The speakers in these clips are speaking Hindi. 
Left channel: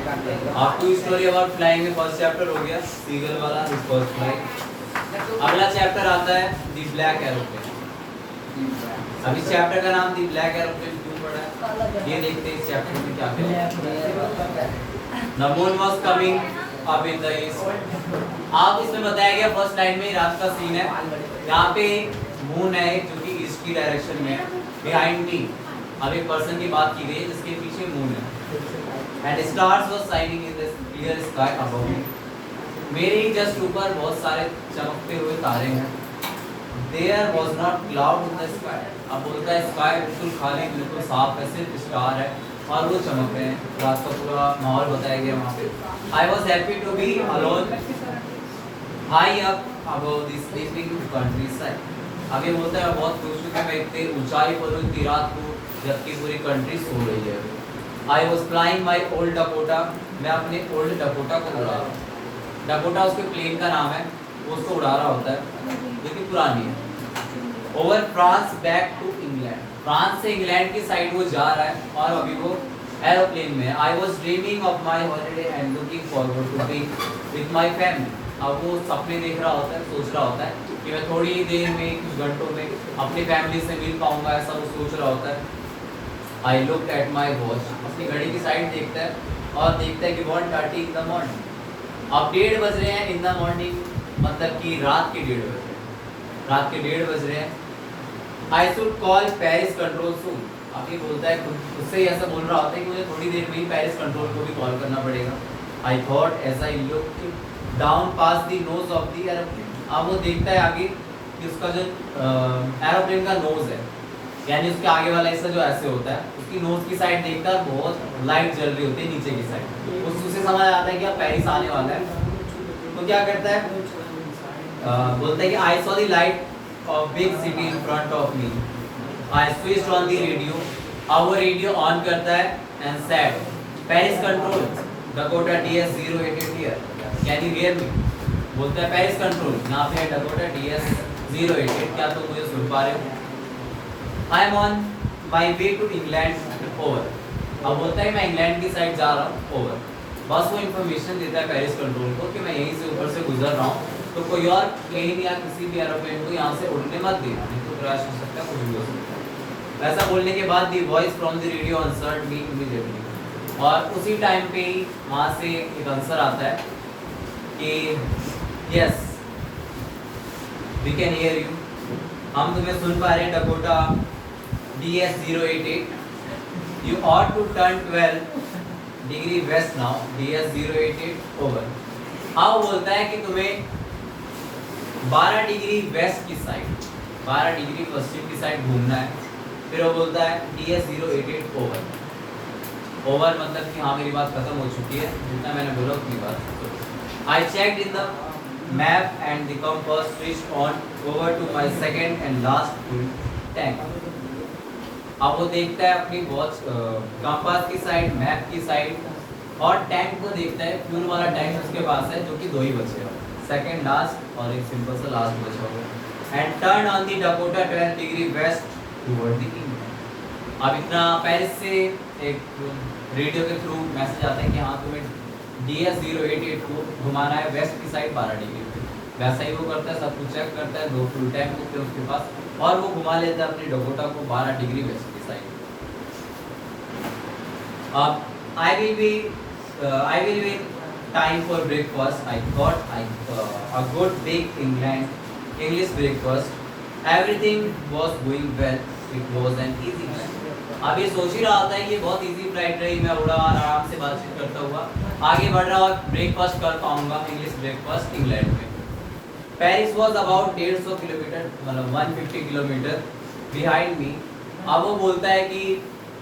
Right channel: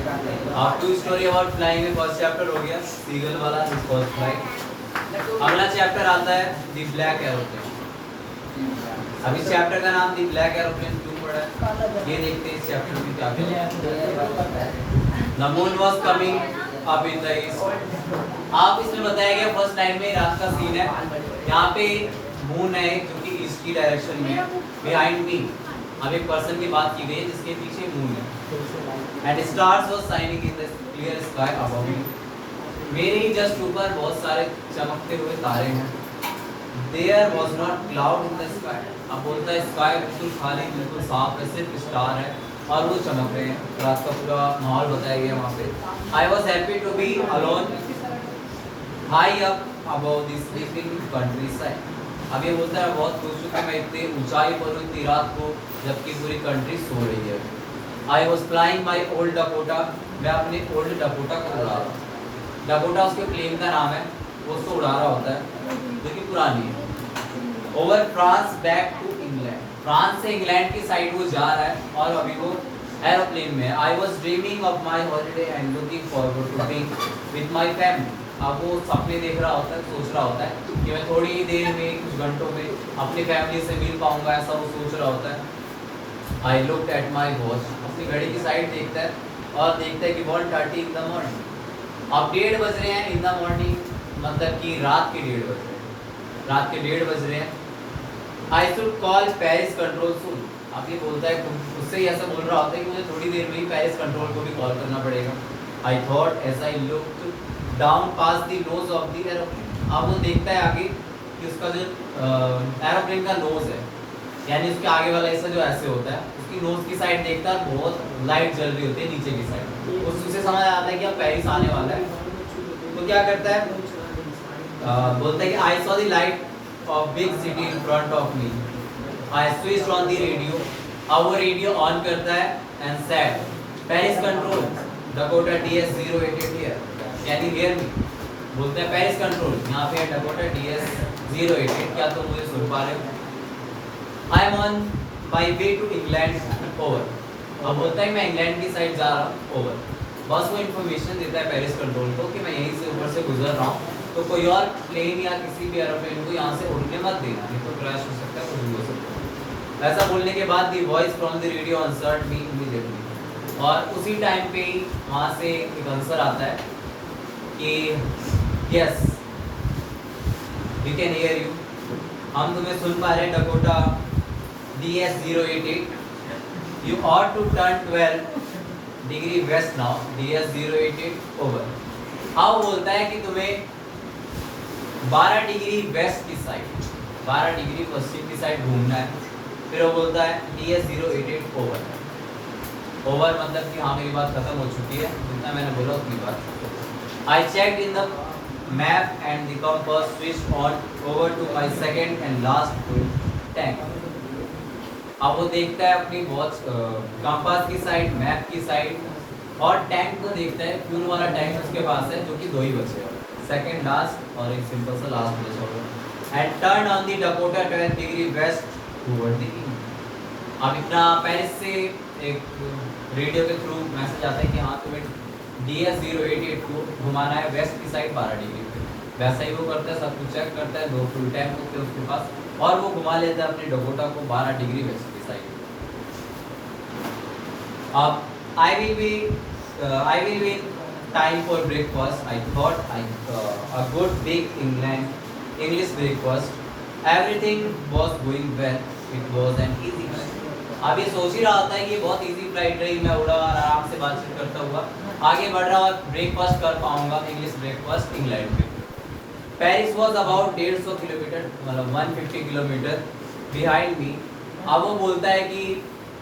आपको स्टोरी अबाउट फ्लाइंग में फर्स्ट चैप्टर हो गया, सीगल वाला इज फर्स्ट फ्लाइट। अगला चैप्टर आता है द ब्लैक एरोप्लेन। अभी चैप्टर का नाम द ब्लैक एरोप्लेन क्यों पड़ा है ये देखते हैं इस चैप्टर में क्या क्या। The moon was coming up in the east. आप इसमें बताया गया फर्स्ट लाइन में रात का सीन है, यहाँ पे मून है जो कि ईस्ट की डायरेक्शन में है। बिहाइंड मी अब एक पर्सन की बात की गई है जिसके पीछे मून है। And stars was shining in the clear sky above मी। मेरे ही जस्ट ऊपर बहुत सारे चमकते हुए तारे हैं। There was not cloud in the sky. अब बोलता है स्काई बिल्कुल खाली, बिल्कुल साफ है, सिर्फ स्टार है और वो चमक रहे हैं। रात का पूरा माहौल बताया गया वहाँ पे। I was happy to be alone high up above the sleeping countryside. अब ये बोलता है बहुत खुश हूँ कि मैं इतने ऊंचाई पर हूँ इतनी रात को जबकि पूरी कंट्री सो रही है। I was flying my old Dakota. मैं अपने ओल्ड डकोटा को उड़ा रहा हूँ। डकोटा उसके प्लेन का नाम है, वो उसको उड़ा रहा होता है जो कि पुरानी है। Over France back to England. France से इंग्लैंड की साइड वो जा रहा है और अभी वो एरोप्लेन में। I was dreaming of my holiday and looking forward to be with my family. अब वो सपने देख रहा होता है, सोच रहा होता है कि मैं थोड़ी ही देर में कुछ घंटों में अपनी फैमिली से मिल पाऊंगा, ऐसा वो सोच रहा होता है। I look at my watch. अपनी घड़ी की साइड देखता है और देखता है कि 1:30 इन द मॉर्निंग। अब 1:30 बज रहे हैं इन द मॉर्निंग, मतलब कि रात के 1:30 बज रहे हैं। रात के 1:30 बज रहे हैं। I should call Paris control soon. अब ये बोलता है उससे ही ऐसा बोल रहा होता है कि मुझे थोड़ी देर में ही पेरिस कंट्रोल को भी कॉल करना पड़ेगा। I thought as I look down past the nose of the aeroplane. अब वो देखता है आगे कि उसका जो एरोप्लेन का नोज है, यानी उसके आगे वाला हिस्सा जो ऐसे होता है, उसकी नोज की साइड देखता है बहुत लाइट जल रही होती है नीचे की साइड। उससे समझ आता है कि अब पेरिस आने वाला है। तो क्या करता है, बोलता है कि I saw the light of big city in front of me. I switched on the radio. अब वो रेडियो ऑन करता है and said Paris control Dakota DS-088 here, यानी रियर में बोलता है पेरिस कंट्रोल यहाँ पे है डकोटा DS-088, क्या तुम मुझे सुन पा रहे हो। I am on my way to England over. अब बोलता है मैं इंग्लैंड की साइड जा रहा हूँ ओवर। बस वो इन्फॉर्मेशन देता है पेरिस कंट्रोल को कि मैं यहीं से ऊपर से गुजर रहा हूँ, तो कोई और प्लेन या किसी भी एरोप्लेन को यहाँ से उड़ने मत देना, नहीं तो क्रैश हो सकता है, कुछ भी हो सकता है। ऐसा बोलने के बाद दी voice from the radio answered me immediately. और उसी टाइम पे ही वहाँ से एक आंसर आता है कि yes we can hear you, हम तुम्हें सुन पा रहे हैं Dakota DS-088। You ought to turn 12 degree west now DS-088 over. अब बोलता है कि तुम्हें 12 डिग्री वेस्ट की साइड, 12 डिग्री पश्चिम की साइड घूमना है। फिर वो बोलता है DS-088 ओवर। ओवर मतलब कि हाँ मेरी बात खत्म हो चुकी है, जितना मैंने बोला उतनी बात। I checked in the map and the compass switched on over to my second and last full tank. अब वो देखता है अपनी वॉच कंपास की साइड, मैप की साइड और टैंक को देखता है। फ्यूल वाला टैंक उसके पास है जो कि 2 ही बचे हैं, सेकंड लास्ट और एक सिंपल सा लास्ट बचा हुआ। And turn on the Dakota 12 degree waste toward the east. अब इतना पेरिस से एक रेडियो के थ्रू मैसेज आता है कि हाँ तुम्हें DS-088 को घुमाना है वेस्ट की साइड 12 डिग्री। वैसा ही वो करता है, सब कुछ चेक करता है, 2 फुल टैंक होते हैं उसके पास और वो घुमा लेता है अपनी डकोटा को 12 डिग्री वेस्ट की साइड। अब I will be time for breakfast. I thought a good big English breakfast. Everything was going well, it was an easy flight. अब ये सोच ही रहा होता है कि बहुत इजी फ्लाइट रही, मैं उड़ा आराम से बातचीत करता हुआ आगे बढ़ रहा और ब्रेकफास्ट कर पाऊंगा, इंग्लिश ब्रेकफास्ट इंग्लैंड में। पेरिस वॉज अबाउट 150 किलोमीटर, मतलब 150 किलोमीटर बिहाइंड मी। अब वो बोलता है कि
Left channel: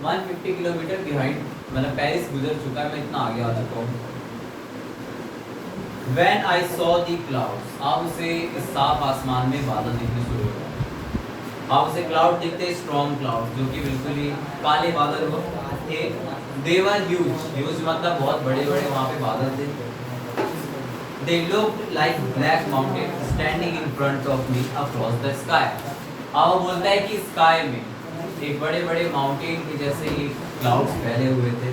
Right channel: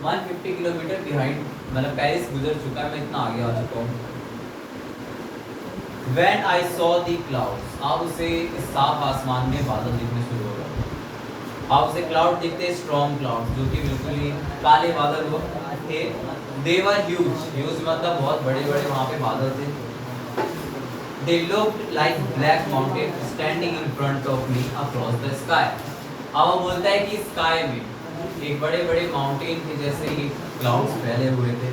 150 किलोमीटर बिहाइंड, मतलब पेरिस गुजर चुका है, मैं इतना आगे आ चुका हूँ। When I saw the clouds, अब उसे साफ आसमान में बादल दिखने शुरू हो गए। अब उसे क्लाउड दिखते, स्ट्रॉन्ग क्लाउड जो कि बिल्कुल ही काले बादल थे। They were huge, huge मतलब बहुत बड़े बड़े वहाँ पे बादल थे। They looked like black mountains standing in front of me across the sky। अब वो बोलता है कि स्काई में एक बड़े बड़े माउंटेन के जैसे ही क्लाउड्स फैले हुए थे।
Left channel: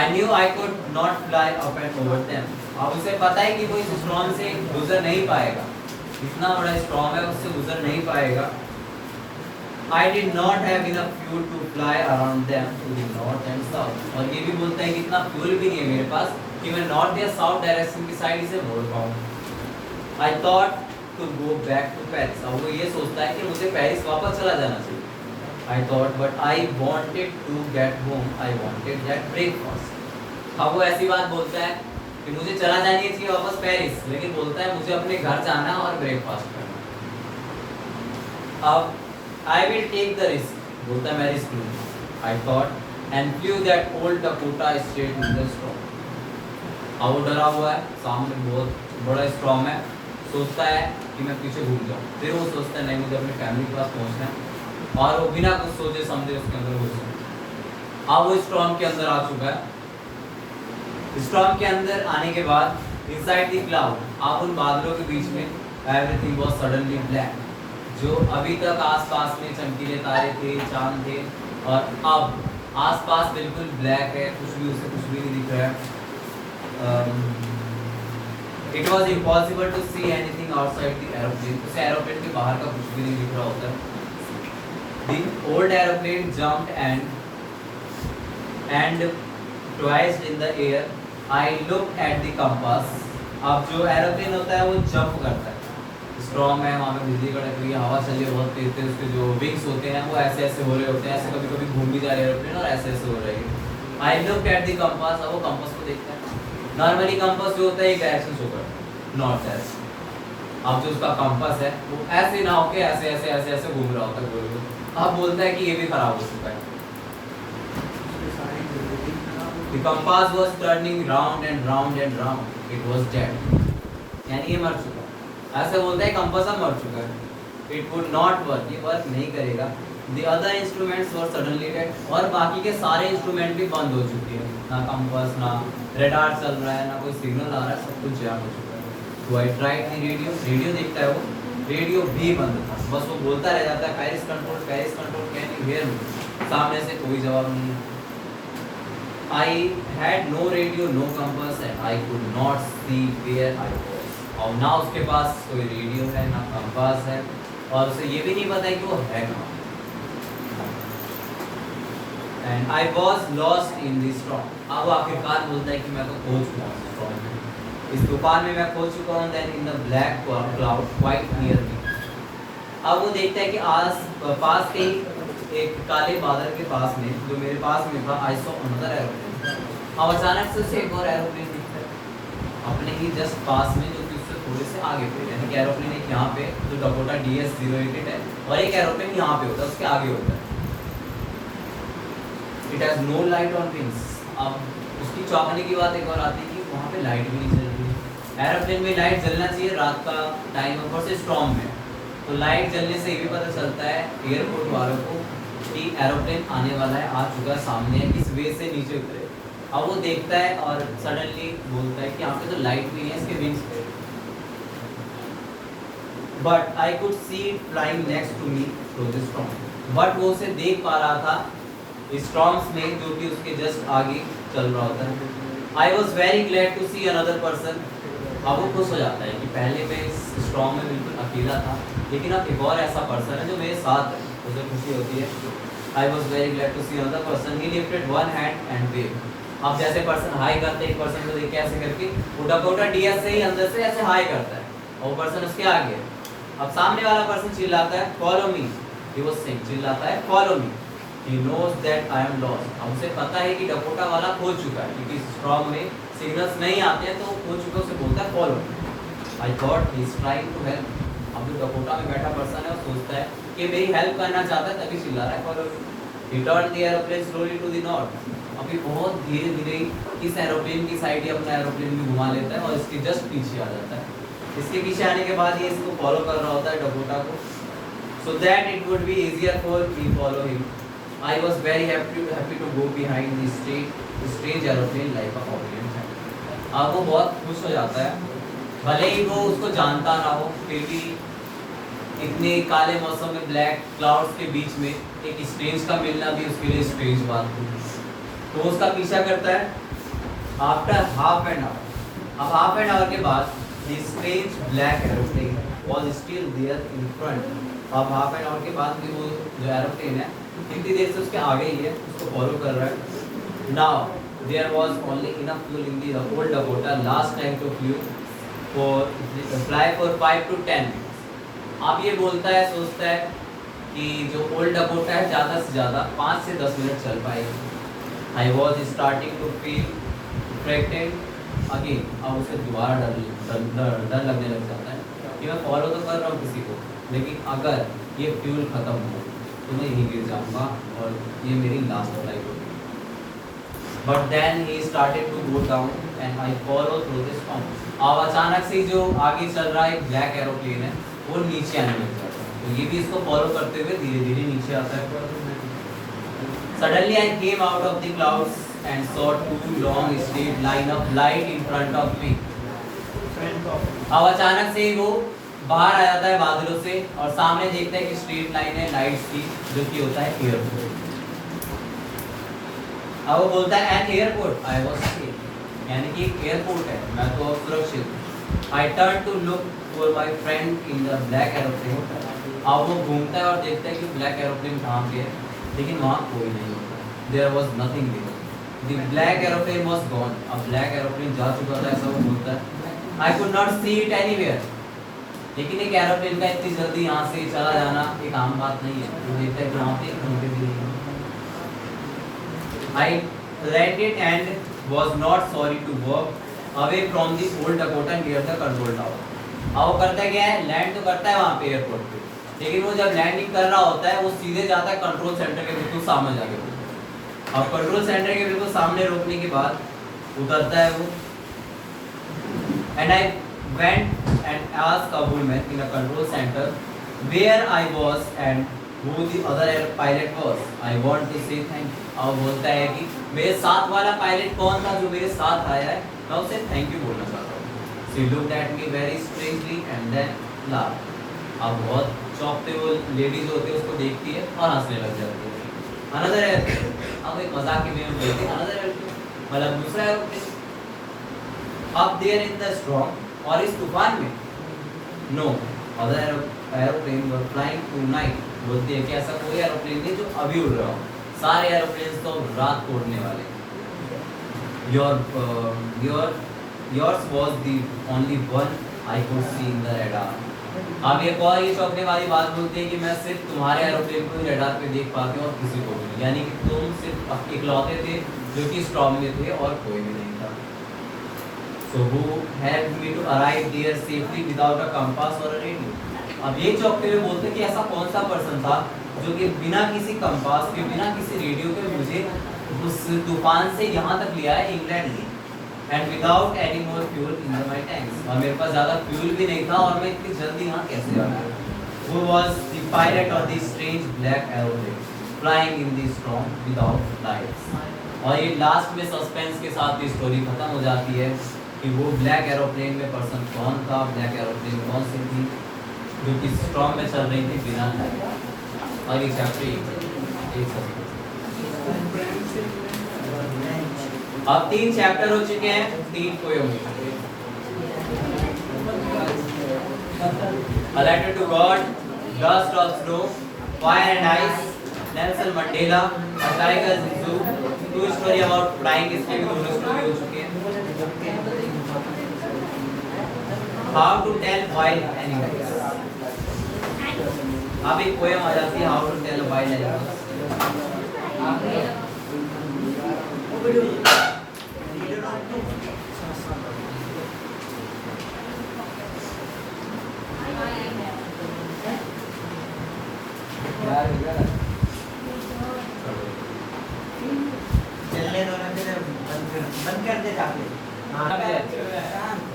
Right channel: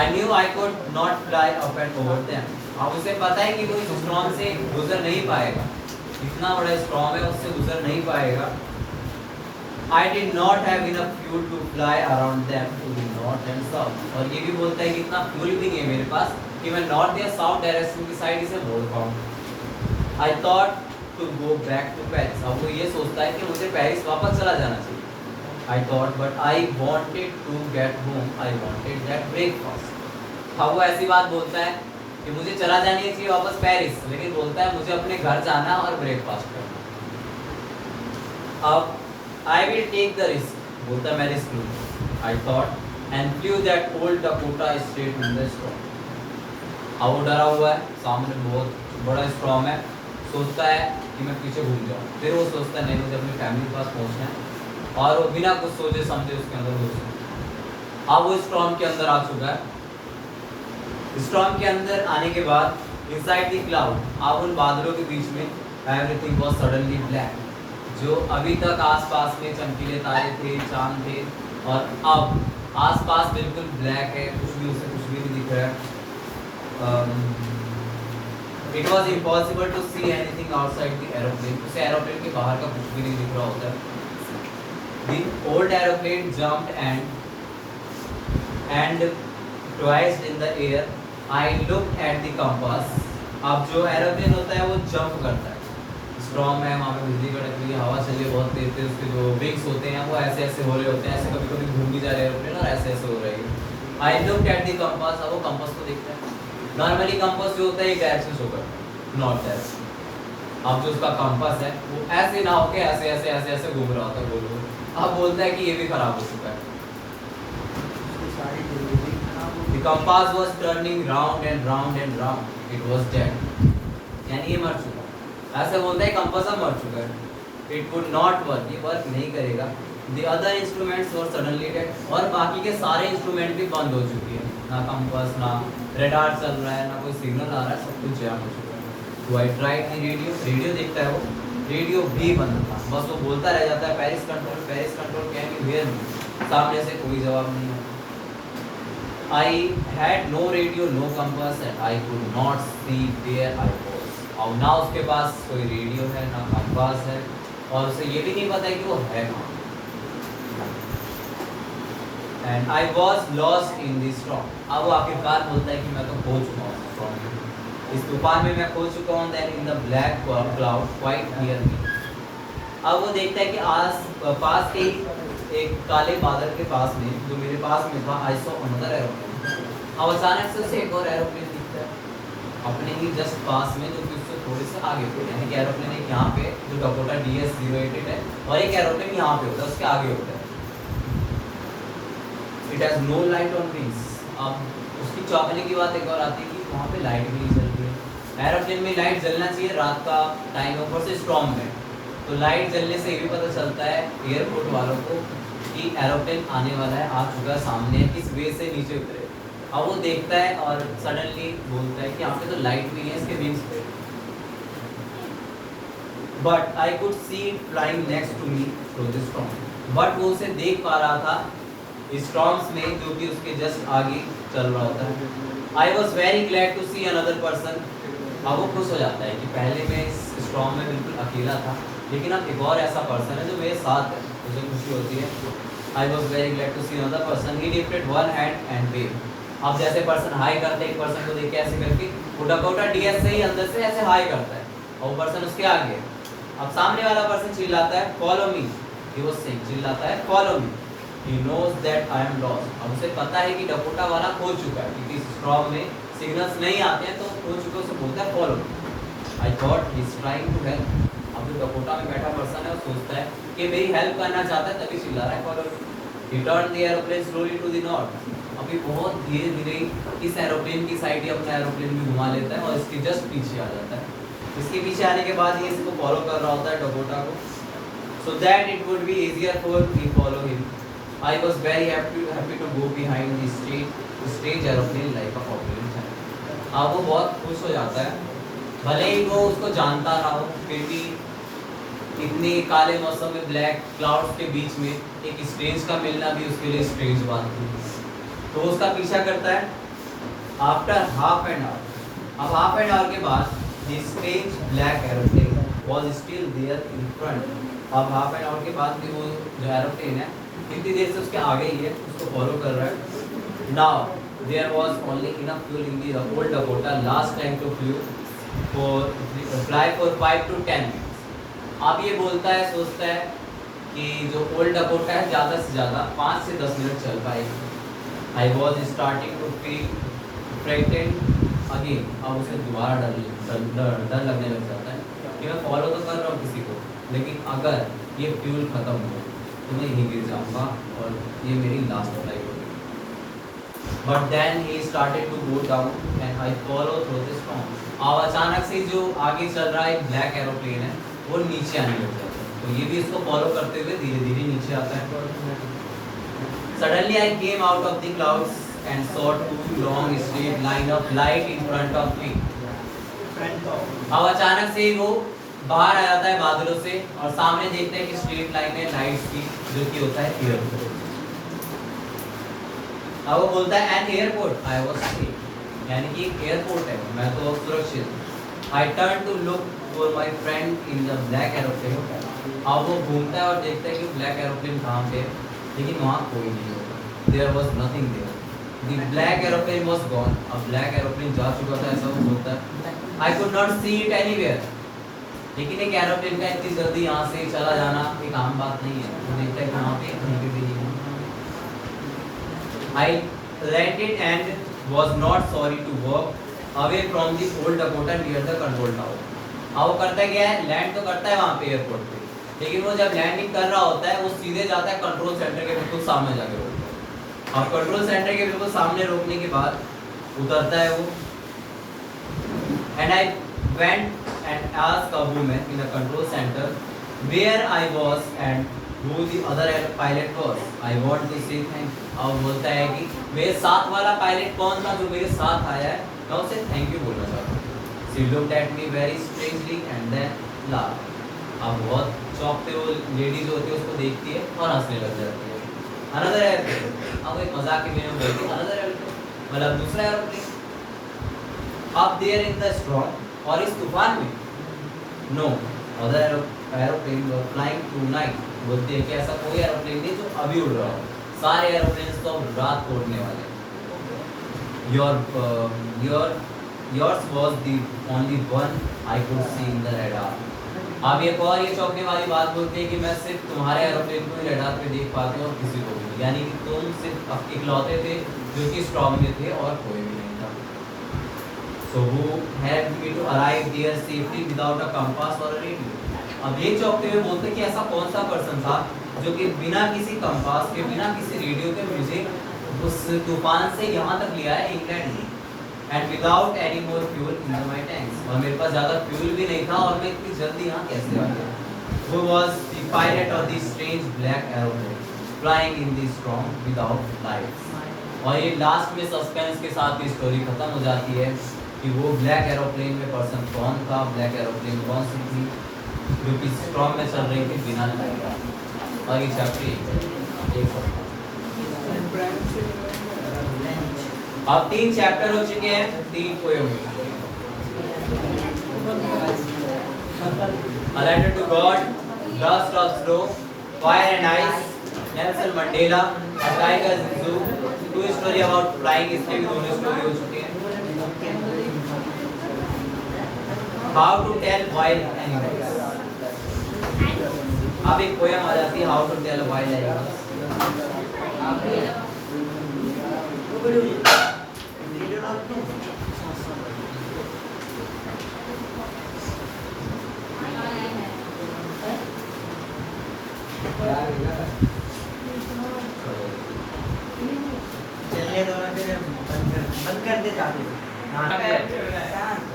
I knew I could not fly up and over them. अब उसे पता है कि वो इस स्टॉर्म से गुजर नहीं पाएगा, इतना बड़ा स्टॉर्म है उससे गुजर नहीं पाएगा. I did not have enough fuel to fly around them to the north and south. और ये भी बोलता है कि इतना फ्यूल भी नहीं है मेरे पास कि मैं नॉर्थ या साउथ डायरेक्शन की साइड से मोड़ पाऊँ. I thought to go back to Paris. अब वो ये सोचता है कि मुझे पेरिस वापस चला जाना चाहिए. I thought, but I wanted to get home. I wanted that breakfast. अब वो ऐसी बात बोलता है कि मुझे चला जाना चाहिए वापस पेरिस, लेकिन बोलता है मुझे अपने घर जाना और ब्रेकफास्ट करना. अब I will take the risk. बोलता मैं रिस्क लूँगा. I thought and flew that old Dakota straight in the storm. अब वो डरा हुआ है, सामने बहुत बड़ा स्टॉर्म है, सोचता है कि मैं पीछे घूम जाऊँ. फिर वो सोचता है नहीं मुझे अपनी फैमिली के पास पहुँचना है, और वो बिना कुछ सोचे समझे उसके अंदर घुस गया. अब वो स्टॉर्म के अंदर आ चुका है. स्टॉर्म के अंदर आने के बाद इनसाइड द क्लाउड, अब उन बादलों के बीच में एवरीथिंग वाज सडनली ब्लैक. जो अभी तक आसपास में चमकीले तारे थे, चांद थे, और अब आसपास बिल्कुल ब्लैक है, कुछ भी उसे कुछ भी नहीं दिख रहा है. It was impossible to see anything outside the aeroplane. उसे एरोप्लेन के बाहर का कुछ भी नहीं दिख रहा होता है. The old aeroplane jumped and twice in the air. I look at the compass. अब जो एरोप्लेन होता है वो जंप करता है, स्ट्रॉन्ग है, वहाँ पे बिजली कड़क रही है, हवा चल रही है बहुत तेज तेज, उसके जो विंग्स होते हैं वो ऐसे ऐसे हो रहे होते हैं, ऐसे कभी कभी घूम भी जा रहे एरोप्लेन और ऐसे ऐसे हो रहे हैं. I look at the compass. अब वो कंपास को देखता है. नॉर्मली कंपास जो होता है एक डायरेक्शन शो करता है, नॉर्थ डायरेक्शन. अब जो उसका कंपास है वो ऐसे ना होके ऐसे ऐसे ऐसे ऐसे घूम रहा होता है गोल गोल. अब बोलता है कि ये भी खराब हो चुका है. The compass was turning round and round and round. It was dead. यानी ये मर चुका है. ऐसे बोलता है कंपास अब मर चुका है. It would not work. ये वर्क नहीं करेगा. The other instruments were suddenly dead. और बाकी के सारे इंस्ट्रूमेंट भी बंद हो चुके हैं. ना कंपास, ना रेडार चल रहा है, ना कोई सिग्नल आ रहा है, सब कुछ जाम हो चुका है. So I tried the radio. Radio देखता है वो. रेडियो भी बंद था. बस वो बोलता रह जाता है Paris control, can you hear me? सामने से कोई जवाब नहीं. I had no radio, no compass, and I could not see where I was. और ना उसके पास कोई रेडियो है, ना कंपास है, और उसे ये भी नहीं पता है कि वो है कहाँ. And I was lost in the storm. अब वो आखिरकार बोलता है कि मैं तो खो चुका हूँ storm में. इस तूफान में मैं खो चुका हूँ. Then in the black cloud quite near me. अब वो देखता है कि आस पास के एक काले बादल के पास में, जो मेरे पास में था, आई सॉ अनदर एरोप्लेन. और अचानक से उसे एक और एरोप्लेन दिखता है अपने ही जस्ट पास में, जो कि उससे थोड़े से आगे पे. यानी कि एरोप्लेन एक यहाँ पे जो डकोटा DS-08 है, और एक एरोप्लेन यहाँ पे होता है, उसके आगे होता है. It has no light on wings. अब उसकी चौंकने की बात एक और आती है कि वहाँ पे लाइट भी नहीं चल रही. एरोप्लेन में लाइट जलना चाहिए, रात का टाइम है, ऊपर से स्टॉर्म में, तो लाइट जलने से ये भी पता चलता है एयरपोर्ट वालों को कि एरोप्लेन आने वाला है, आ चुका है, सामने है, किस वे से नीचे उतरे. अब वो देखता है और सडनली बोलता है कि यहाँ पे तो लाइट नहीं है इसके विंग्स पे. But I could see it flying next to me through the storm. But वो उसे देख पा रहा था स्टॉर्म्स में, जो कि उसके जस्ट आगे चल रहा होता है. I was very glad to see another person. अब वो खुश हो जाता है कि पहले मैं इस स्टॉर्म में बिल्कुल अकेला था, लेकिन अब एक और ऐसा पर्सन है जो मेरे साथ है, उसे खुशी होती है. I was very glad to see another person. He lifted one hand and wave. अब जैसे पर्सन हाई करते हैं एक पर्सन को देख के ऐसे करके, वो डकोटा DS से ही अंदर से ऐसे हाई करता है, और वो पर्सन उसके आगे. अब सामने वाला पर्सन चिल्लाता है follow me. He was saying, चिल्लाता है follow me. He knows that I am lost. अब उसे पता है कि डकोटा वाला खो चुका है, क्योंकि स्ट्रॉन्ग में सिग्नल्स नहीं आते हैं, तो खो चुके उसे बोलता है follow me. I thought he is trying to help. अब जो डकोटा में बैठा पर्सन है वो सोचता है कि मेरी हेल्प करना चाहता है, तभी चिल्ला रहा है follow me. He turned the aeroplane slowly to the north. अभी बहुत धीरे धीरे इस एरोप्लेन की साइड ही अपना एरोप्लेन भी घुमा लेता है और इसके जस्ट पीछे आ जाता है. इसके पीछे आने के बाद ये इसको फॉलो कर रहा होता है डकोटा को, so that it would be easier for me follow him. I was very happy to go behind the strange aeroplane like a compliment. अब वो बहुत खुश हो जाता है, भले ही वो उसको जानता ना हो, फिर भी इतने काले मौसम में ब्लैक क्लाउड्स के बीच में एक स्ट्रेंज का मिलना भी उसके लिए स्ट्रेंज बात थी. तो उसका पीछा करता है आफ्टर हाफ एन आवर, अब हाफ एन आवर के बाद the strange black aeroplane was still there in front. अब हाफ एन आवर के बाद भी वो जो एरोप्लेन है कितनी देर से उसके आगे ही है, उसको फॉलो कर रहा है। Now there was only enough fuel in the old Dakota last time to fly for 5 to 10 minutes. अब ये बोलता है, सोचता है कि जो ओल्ड डकोटा है ज़्यादा से ज़्यादा 5 से 10 मिनट चल पाएगी। I was starting to feel frightened again. अब उसे दोबारा डर लगने लग जाता है कि मैं फॉलो तो कर रहा हूँ किसी को, लेकिन अगर ये फ्यूल ख़त्म हो तो मैं यहीं गिर जाऊँगा और ये मेरी लास्ट फ्लाइट होगी। But then he started to go down and I follow through the storm. अब अचानक से जो आगे चल रहा है एक ब्लैक एरोप्लेन है वो नीचे आने लग जाता है, तो ये भी इसको फॉलो करते हुए धीरे धीरे नीचे आता है। Suddenly I came out of the clouds and saw 2 long straight line of light in front of me. अब अचानक से वो बाहर आ जाता है बादलों से और सामने देखता है कि स्ट्रेट लाइन है लाइट्स की, जो कि होता है एयरपोर्ट। अब वो बोलता है an airport I was safe, यानी कि एक एयरपोर्ट है, मैं तो सुरक्षित हूँ। I turn to look for my friend in the black aeroplane. अब वो घूमता है और देखता है कि ब्लैक एरोप्लेन कहाँ पे है, लेकिन वहाँ कोई नहीं होता। There was nothing there, the black aeroplane was gone. अब ब्लैक एरोप्लेन जा चुका था, ऐसा वो बोलता है। I could not see it anywhere, लेकिन एक एरोप्लेन का इतनी जल्दी यहाँ से चला जाना एक आम बात नहीं है। वो देखता है कि वहाँ पे कहीं पे भी नहीं। आई landed and was not sorry to walk away from the old Dakota near the control tower. अब वो करता क्या है, लैंड तो करता है वहाँ पे एयरपोर्ट पे, लेकिन वो जब लैंडिंग कर रहा होता है वो सीधे जाता है कंट्रोल सेंटर के बिल्कुल सामने जाके रोकता है। और कंट्रोल सेंटर के बिल्कुल सामने रोकने के बाद उतरता है वो। And I went and asked a woman in the control center where I was and who the other pilot was. I want to say thank you. अब बोलता है कि मेरे साथ वाला पायलट कौन था जो मेरे साथ आया है, मैं उसे थैंक यू बोलना चाहता हूँ। She looked at me very strangely and then laughed. अब बहुत चौंकते वो लेडी जो होती है उसको देखती है और हंसने लग जाती है। Another airplane, अब एक मजाक के में बोलती है another airplane, मतलब दूसरा aeroplane. Up there in the storm, और इस तूफान में no other airplane were flying tonight. बोलती है कि ऐसा कोई एरोप्लेन नहीं जो अभी उड़ रहा हो, सारे एरोप्लेन तो रात को उड़ने वाले। Yours was the only one I could see in the radar. अब एक और ये चौंकने वाली बात बोलती है कि मैं सिर्फ तुम्हारे एरोप्लेन को रडार पे देख पाती हूँ और किसी को भी नहीं, यानी कि तुम सिर्फ इकलौते थे जो कि स्टॉर्म में थे और कोई भी नहीं था। So who helped me to arrive there safely without a compass or a radio? अब ये चौंकते हुए बोलते कि ऐसा कौन सा पर्सन था जो कि बिना किसी कंपास के, बिना किसी रेडियो के मुझे उस तूफान से यहाँ तक लिया है इंग्लैंड में, and without any more fuel in my tanks, और मेरे पास ज़्यादा फ्यूल भी नहीं था और मैं इतनी जल्दी यहाँ कैसे आ गया। वो was the pilot of the strange black aeroplane flying in the storm without lights. और ये लास्ट में सस्पेंस के साथ स्टोरी खत्म हो जाती है कि वो ब्लैक एरोप्लेन में पर्सन कौन था, ब्लैक एरोप्लेन कौन सी थी जो कि स्टॉर्म में चल रही थी बिना लाइट। और ये चैप्टर एक अब 3 चैप्टर हो चुके हैं, 3 poem. A letter to God, Dust of Snow, Fire and Ice, Nelson Mandela, A Tiger's Zoo, 2 story about flying, इसके भी 2 स्टोरी हो चुके हैं। How to tell wild animals, अब एक पोएम आ जाती है how to tell a wild animal.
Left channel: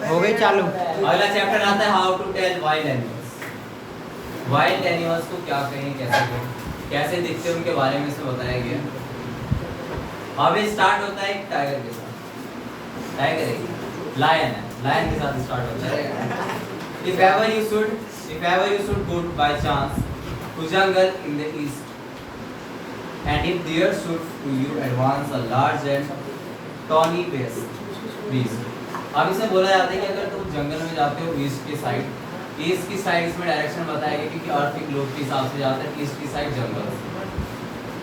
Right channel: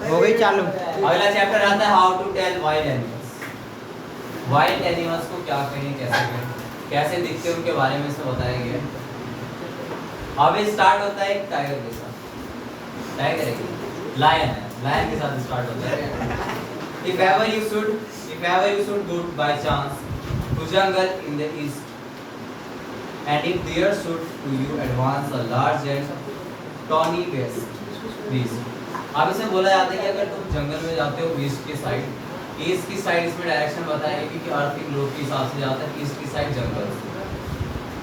हो गई चालू। अगला चैप्टर आता है how to tell wild animals. Wild animals को क्या कहें, कैसे कहें, कैसे दिखते हैं उनके बारे में इसमें बताया गया। अब स्टार्ट होता है एक टाइगर के साथ, टाइगर है लायन है, लायन के साथ स्टार्ट होता है। If ever you should go by chance to jungle in the east, and if there should to you advance a large and tawny beast, beast. अब इसे बोला जाता है कि अगर तुम जंगल में जाते हो ईस्ट की साइड, ईस्ट की साइड इसमें डायरेक्शन बताएगा क्योंकि अर्थ के ग्लोब के हिसाब से जाता है, ईस्ट की साइड जंगल।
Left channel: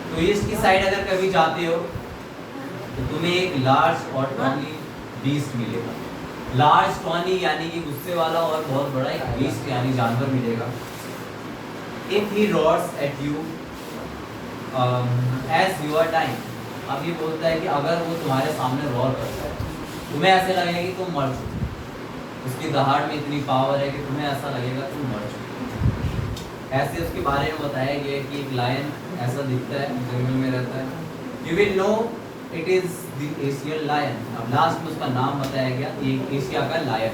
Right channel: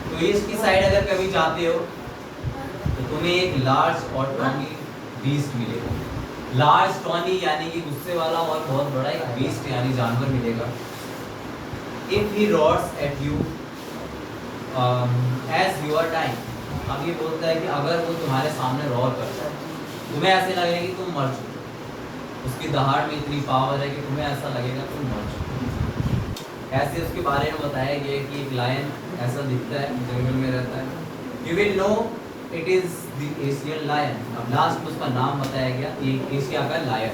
तो ईस्ट की साइड अगर कभी जाते हो तो तुम्हें एक लार्ज और टॉनी बीस्ट मिलेगा। लार्ज टॉनी यानी कि गुस्से वाला और बहुत बड़ा एक बीस्ट यानी जानवर मिलेगा। If he roars at you as your time, अब ये बोलता है कि अगर वो तुम्हारे सामने रॉर करता है, तुम्हें ऐसे लगेगा कि तुम मर चुके, उसकी दहाड़ में इतनी पावर है कि तुम्हें ऐसा लगेगा तुम मर चुके। ऐसे उसके बारे में बताया गया कि एक लायन ऐसा दिखता है, जंगल में रहता है। You will know it is the Asian lion. अब लास्ट में उसका नाम बताया गया, ये एशिया का लायन,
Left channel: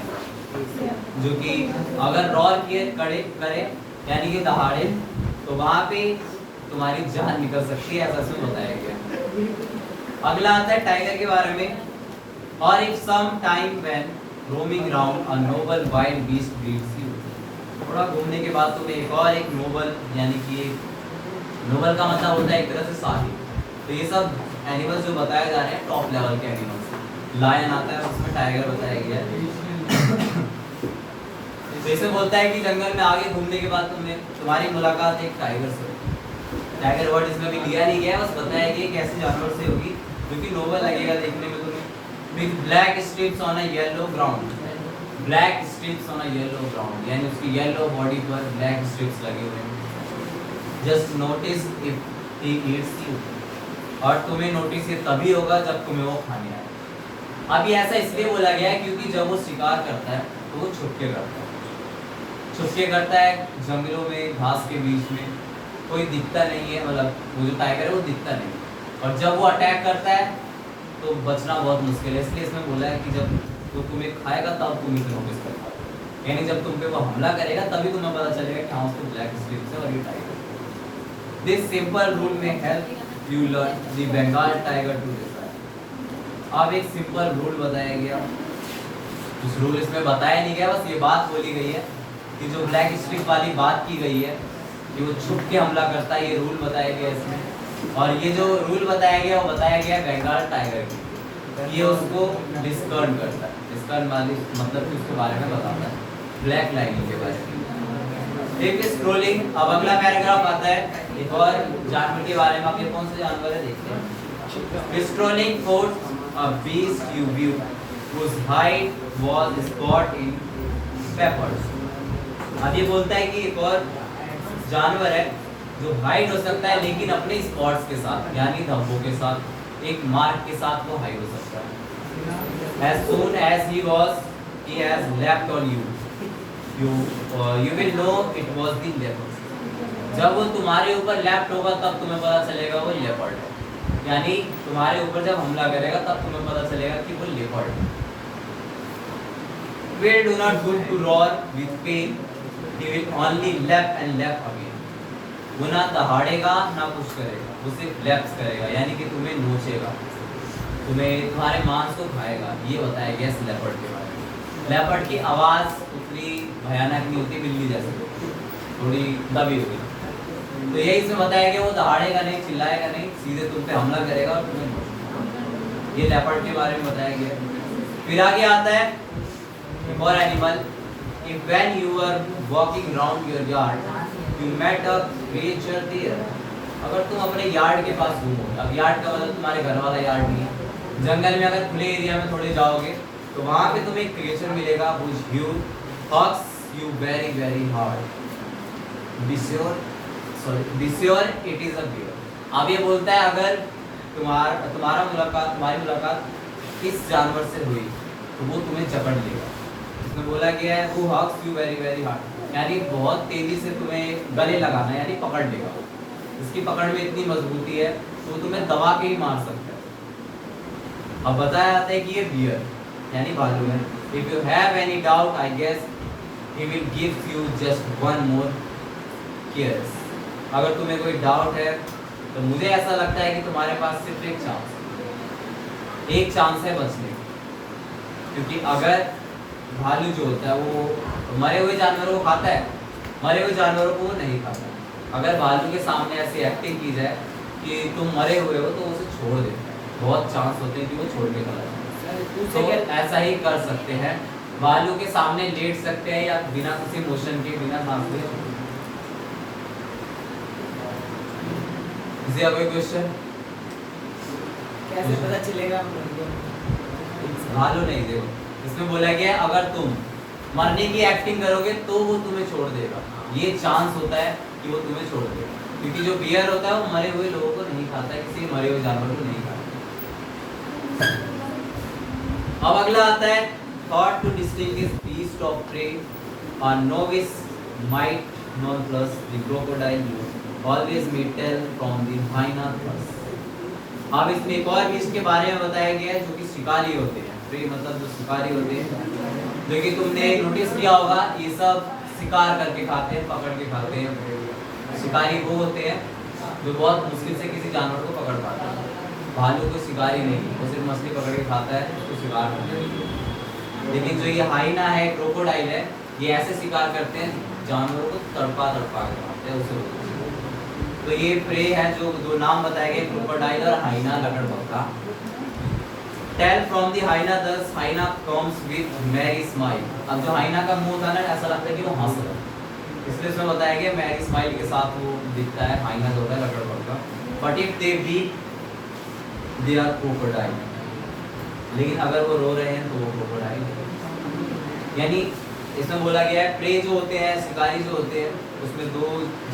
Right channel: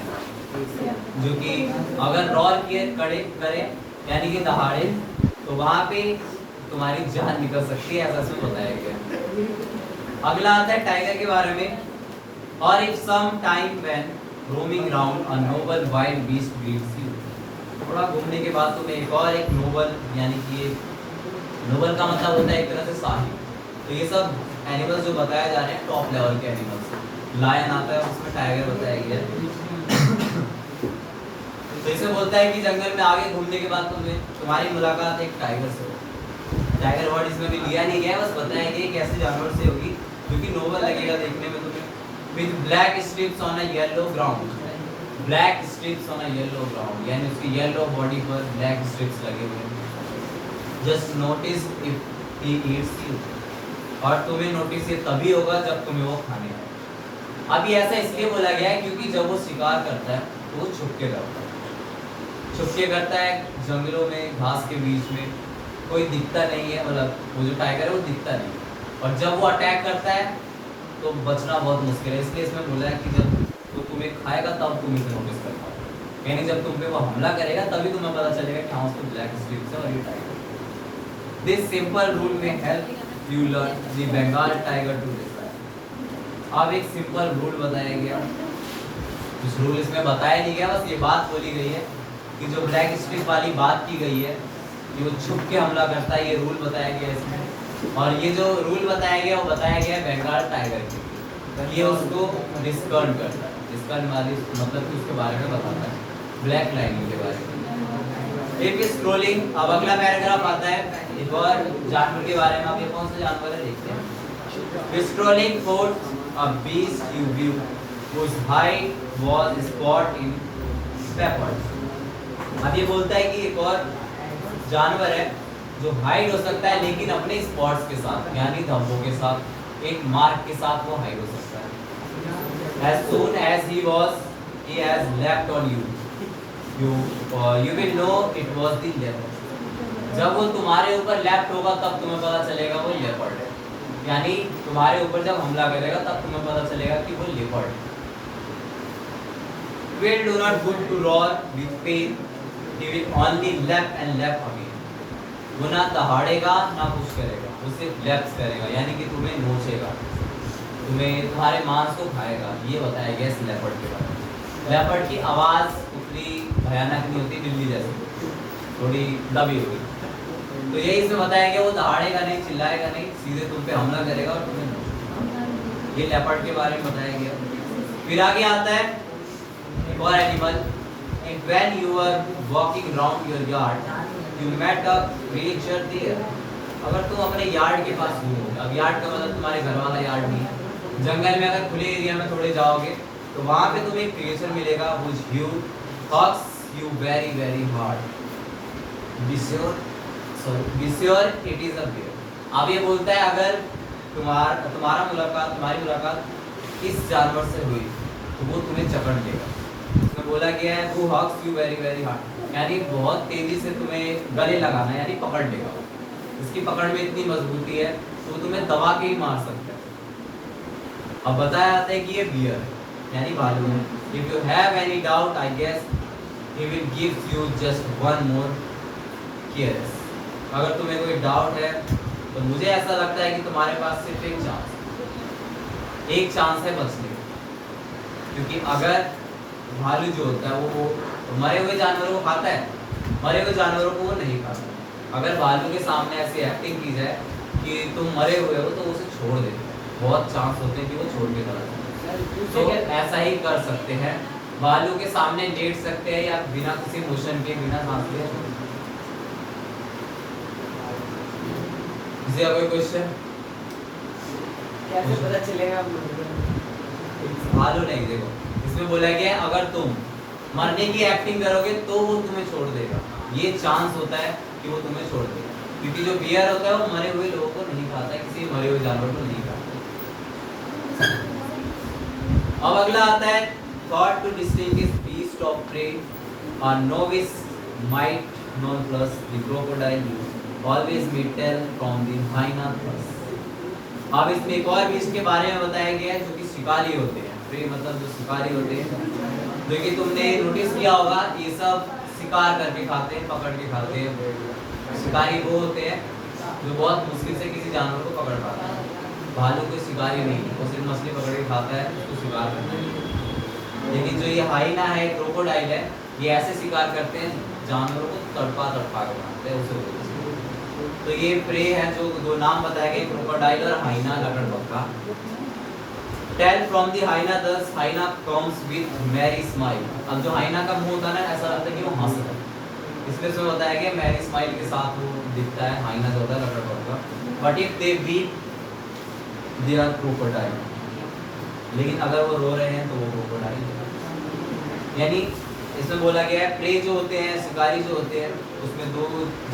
जो कि अगर रॉर के कड़े करे यानी कि दहाड़े तो वहाँ पे तुम्हारी जान निकल सकती है, ऐसा उसमें बताया गया। अगला आता है टाइगर के बारे में। और if some time when roaming round a noble wild beast greets you, थोड़ा घूमने के बाद तुम्हें एक नोबल यानी कि नोबल का मतलब होता है एक तरह से शाही। तो ये सब एनिमल्स जो बताए जा रहे हैं टॉप लेवल के एनिमल्स। लायन आता है, उसमें टाइगर बताया गया है। तो इसे बोलता है कि जंगल में आगे घूमने के बाद तुम्हारी मुलाकात एक टाइगर से होगी। टाइगर वर्ड इसमें भी लिया नहीं गया, बस बताया गया कि ऐसे जानवर से होगी जो कि नोबल लगेगा देखने में तुम्हें। With black strips on a yellow ground, black strips on a yellow ground यानी उसकी येलो बॉडी पर ब्लैक स्ट्रिप्स लगे हुए हैं। Just notice if he eats you, और तुम्हें नोटिस ये तभी होगा जब तुम्हें वो खाने आए। अब ये ऐसा इसलिए बोला गया है क्योंकि जब वो शिकार करता है तो वो छुपके करता है, छुपके करता है जंगलों में, घास के बीच में, कोई दिखता नहीं है, मतलब वो जो टाइगर है वो दिखता नहीं। और जब वो अटैक करता है तो बचना बहुत मुश्किल है, इसलिए इसमें बोला है कि जब वो तुम्हें खाएगा तब तुम इसे नोटिस कर पाओगे, यानी जब तुम पे वो हमला करेगा तभी तुम्हें पता चलेगा कि हाँ उसको ब्लैक स्ट्रिप्स है और ये tiger. This simple rule may help you learn the Bengal tiger to decide. अब एक सिंपल रूल बताया गया, उस रूल इसमें बताया नहीं गया, बस ये बात बोली गई है कि जो ब्लैक स्ट्रिप वाली बात की गई है कि वो छुप के हमला करता है, ये रूल बताया गया इसमें। और ये जो रूल बताया गया वो बताया गया बंगाल टाइगर की, ये उसको डिस्कर्न करता है। डिस्कर्न मतलब कि उसके बारे में बताता है, ब्लैक लाइनिंग के बारे में। एक स्क्रोलिंग, अब अगला पैराग्राफ आता है एक और जानवर के बारे में। आपके कौन से जानवर है देखते हैं। Scrolling fourth a beast you view whose height was spot in peppers। अब ये बोलता है कि एक और जानवर है जो हाइड हो सकता है लेकिन अपने स्पॉट्स के साथ यानी धब्बों के साथ, एक मार्क के साथ वो हाइड हो सकता है। As soon as he has leapt on you, you will know it was the leopard। जब वो तुम्हारे ऊपर लेफ्ट होगा तब तुम्हें पता चलेगा वो लेपर्ड है, यानी तुम्हारे ऊपर जब हमला करेगा तब तुम्हें पता चलेगा कि वो लेपर्ड है। We do not good to roar with pain, he will only lap and lap again। वो ना दहाड़ेगा ना कुछ करेगा, वो सिर्फ लैप्स करेगा यानी कि तुम्हें नोचेगा, तुम्हारे मांस को खाएगा। ये बताया गया इस लेपर्ड के बारे में। लेपर्ड की आवाज़ उतनी भयानक नहीं होती, बिल्ली जैसी थोड़ी दबी होगी। तो यही इसमें बताया गया वो दहाड़ेगा नहीं, चिल्लाएगा नहीं, सीधे तुम पे हमला करेगा और तुम्हें नोचेगा। ये लेपर्ड के बारे में बताया गया। फिर आगे आता है और animal. If when you are walking round your yard, you met a creature there। अगर तुम अपने यार्ड के पास घूमो, अब यार्ड का मतलब तुम्हारे घर वाला यार्ड नहीं है, जंगल में अगर खुले एरिया में थोड़े जाओगे तो वहाँ पे तुम्हें एक क्रिएचर मिलेगा whose view hurts you very very hard। Be sure it is a bear। अब ये बोलता है अगर तुम्हारी मुलाकात इस जानवर से हुई तो वो तुम्हें जकड़ लेगा। इसमें बोला गया है who hugs you very very hard, यानी बहुत तेजी से तुम्हें गले लगाना यानी पकड़ लेगा। इसकी पकड़ में इतनी मजबूती है तो तुम्हें दबा के ही मार सकता है। अब बताया जाता है कि ये बियर यानी भालू है। If you have any doubt, I guess he will give you just one more chance। अगर तुम्हें कोई डाउट है तो मुझे ऐसा लगता है कि तुम्हारे पास सिर्फ एक चांस है बचने का, क्योंकि अगर भालू जो होता है वो मरे हुए जानवरों को खाता है, मरे हुए जानवरों को वो नहीं खाता। अगर भालू के सामने ऐसी एक्टिंग की जाए कि तुम मरे हुए हो तो उसे छोड़ देते हैं, बहुत चांस होते हैं कि वो छोड़ के चला जाए। तो ऐसा ही कर सकते हैं, बालों के सामने लेट सकते हैं या बिना किसी मोशन के, बिना सांस लिए। कोई क्वेश्चन? कैसे पता चलेगा? भालू नहीं, देखो इसमें बोला गया है अगर तुम मरने की एक्टिंग करोगे तो वो तुम्हें छोड़ देगा, ये चांस होता है कि वो तुम्हें छोड़ देगा, क्योंकि जो बियर होता है वो मरे हुए लोगों को नहीं खाता है, किसी मरे हुए जानवर को नहीं खाता। अब अगला आता है thought to distinguish beast of prey or novice might not plus the crocodile always may tell from the hyena plus। अब इसमें एक और बीस्ट के बारे में बताया गया है जो कि शिकारी होते हैं, प्रे मतलब जो शिकारी होते हैं, क्योंकि तुमने नोटिस किया होगा ये सब शिकार करके खाते हैं, पकड़ के खाते हैं। शिकारी वो होते हैं जो बहुत मुश्किल से किसी जानवर को पकड़ पाते हैं, भालू कोई शिकारी नहीं, वो सिर्फ मछली पकड़ के खाता है, उसको शिकार करते हैं। लेकिन जो ये हाइना है, क्रोकोडाइल है, ये ऐसे शिकार करते हैं जानवरों को तड़पा तड़पा के खाते हैं उसे। तो ये प्रे है जो दो नाम बताए गए, क्रोकोडाइल और हाइना लकड़बग्गा। टेल फ्रॉम द हाइना दस हाइना कम्स विद मैरी स्माइल। अब जो हाइना का मुंह था ना, ऐसा लगता है कि वो हंस रहा है, इसलिए उसमें बताया गया मैरी स्माइल के साथ वो दिखता है, हाइना जो होता है लकड़बग्गा। But if they beat they are crocodile, लेकिन अगर वो रो रहे हैं तो वो क्रोकोडाइल। यानी इसमें बोला गया है प्रे जो होते हैं, शिकारी जो होते हैं, उसमें दो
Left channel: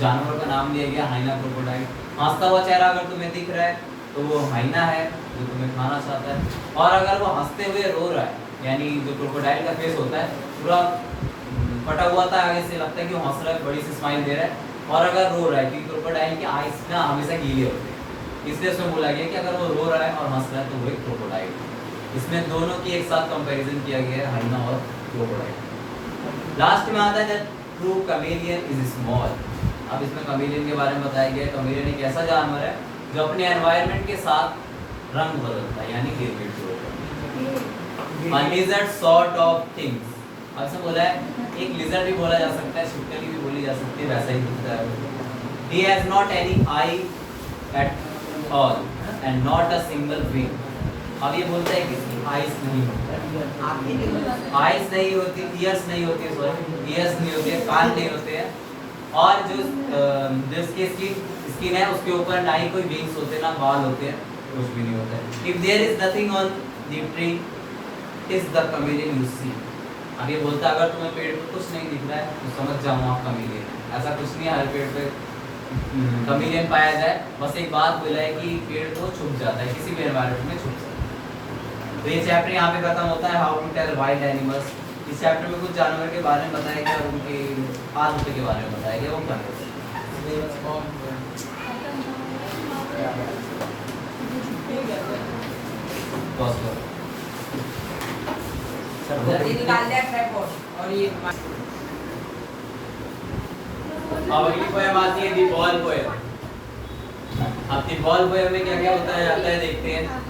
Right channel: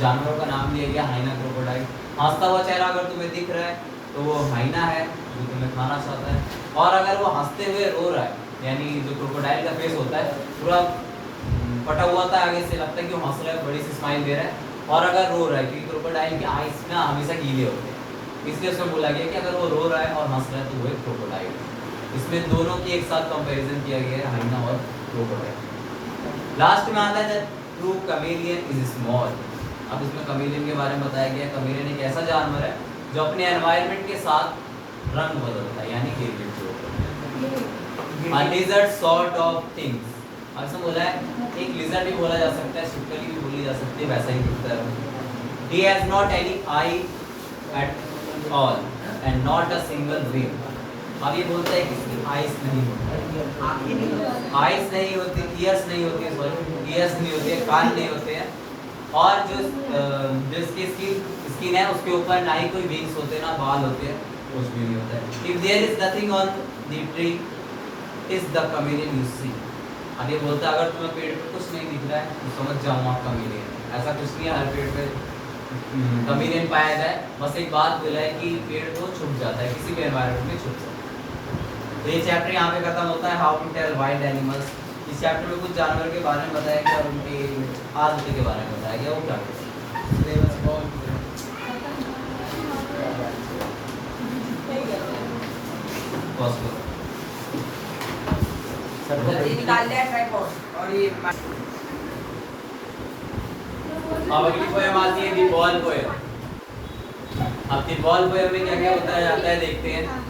जानवरों का नाम दिया गया, हाइना क्रोकोडाइल। हंसता हुआ चेहरा अगर तुम्हें दिख रहा है तो वो हाइना है जो तुम्हें खाना चाहता है, और अगर वो हंसते हुए रो रहा है, यानी जो क्रोकोडाइल का फेस होता है पूरा फटा हुआ था आगे से, लगता है कि वो हंस रहा है, बड़ी सी स्माइल दे रहा है, और अगर रो रहा है, क्योंकि क्रोकोडाइल के आईज ना हमेशा गीले होते हैं, इसलिए उसमें बोला गया कि अगर वो रो रहा है और हंस रहा है तो वो एक क्रोकोडाइल। इसमें दोनों की एक साथ कंपैरिजन किया गया है, हाइना और क्रोकोडाइल। लास्ट में आता है ट्रू कैमेलियन इज स्मॉल। अब इसमें कैमेलियन के बारे में बताया गया है। कैमेलियन एक ऐसा जानवर है जो अपने एनवायरनमेंट के साथ रंग बदलता है, यानी गिरगिट जो होता है। लिजर्ड सॉर्ट ऑफ थिंग्स, ऐसा बोला है, एक लिजर्ड भी बोला जा सकता है, छिपकली भी बोली जा सकती है, वैसा ही दिखता है। He has not any eye at all and not a single wing। अब ये बोलता है कि इसकी आइज नहीं होती, आइज नहीं होती, ईयर्स नहीं होती, सॉरी ईयर्स नहीं होते, कान नहीं होते हैं, और जो इसकी स्किन है उसके ऊपर ना ही कोई विंग्स होते, ना बाल होते हैं, कुछ भी नहीं होता है। If there is nothing on the tree is the chameleon you see। अब ये बोलता है अगर तुम्हें पेड़ पे कुछ नहीं दिख रहा है तो समझ जाओ आप कैमेलियन। ऐसा कुछ नहीं है हर पेड़ पे कैमेलियन पाया जाए, बस एक बात बोला है कि पेड़ तो छुप जाता है, किसी भी एनवायरनमेंट में छुप सकता है। तो ये चैप्टर यहाँ पे खत्म होता है, how to tell wild animals. इस चैप्टर में कुछ जानवर के बारे में बताया गया और उनकी आदत के बारे में बताया गया, वो क्या निकाल दिया ट्राइपॉड और ये अगली पोएम आती है दी बॉल पोएम। अब दी बॉल पोएम में क्या क्या बताया जाता है देखते हैं।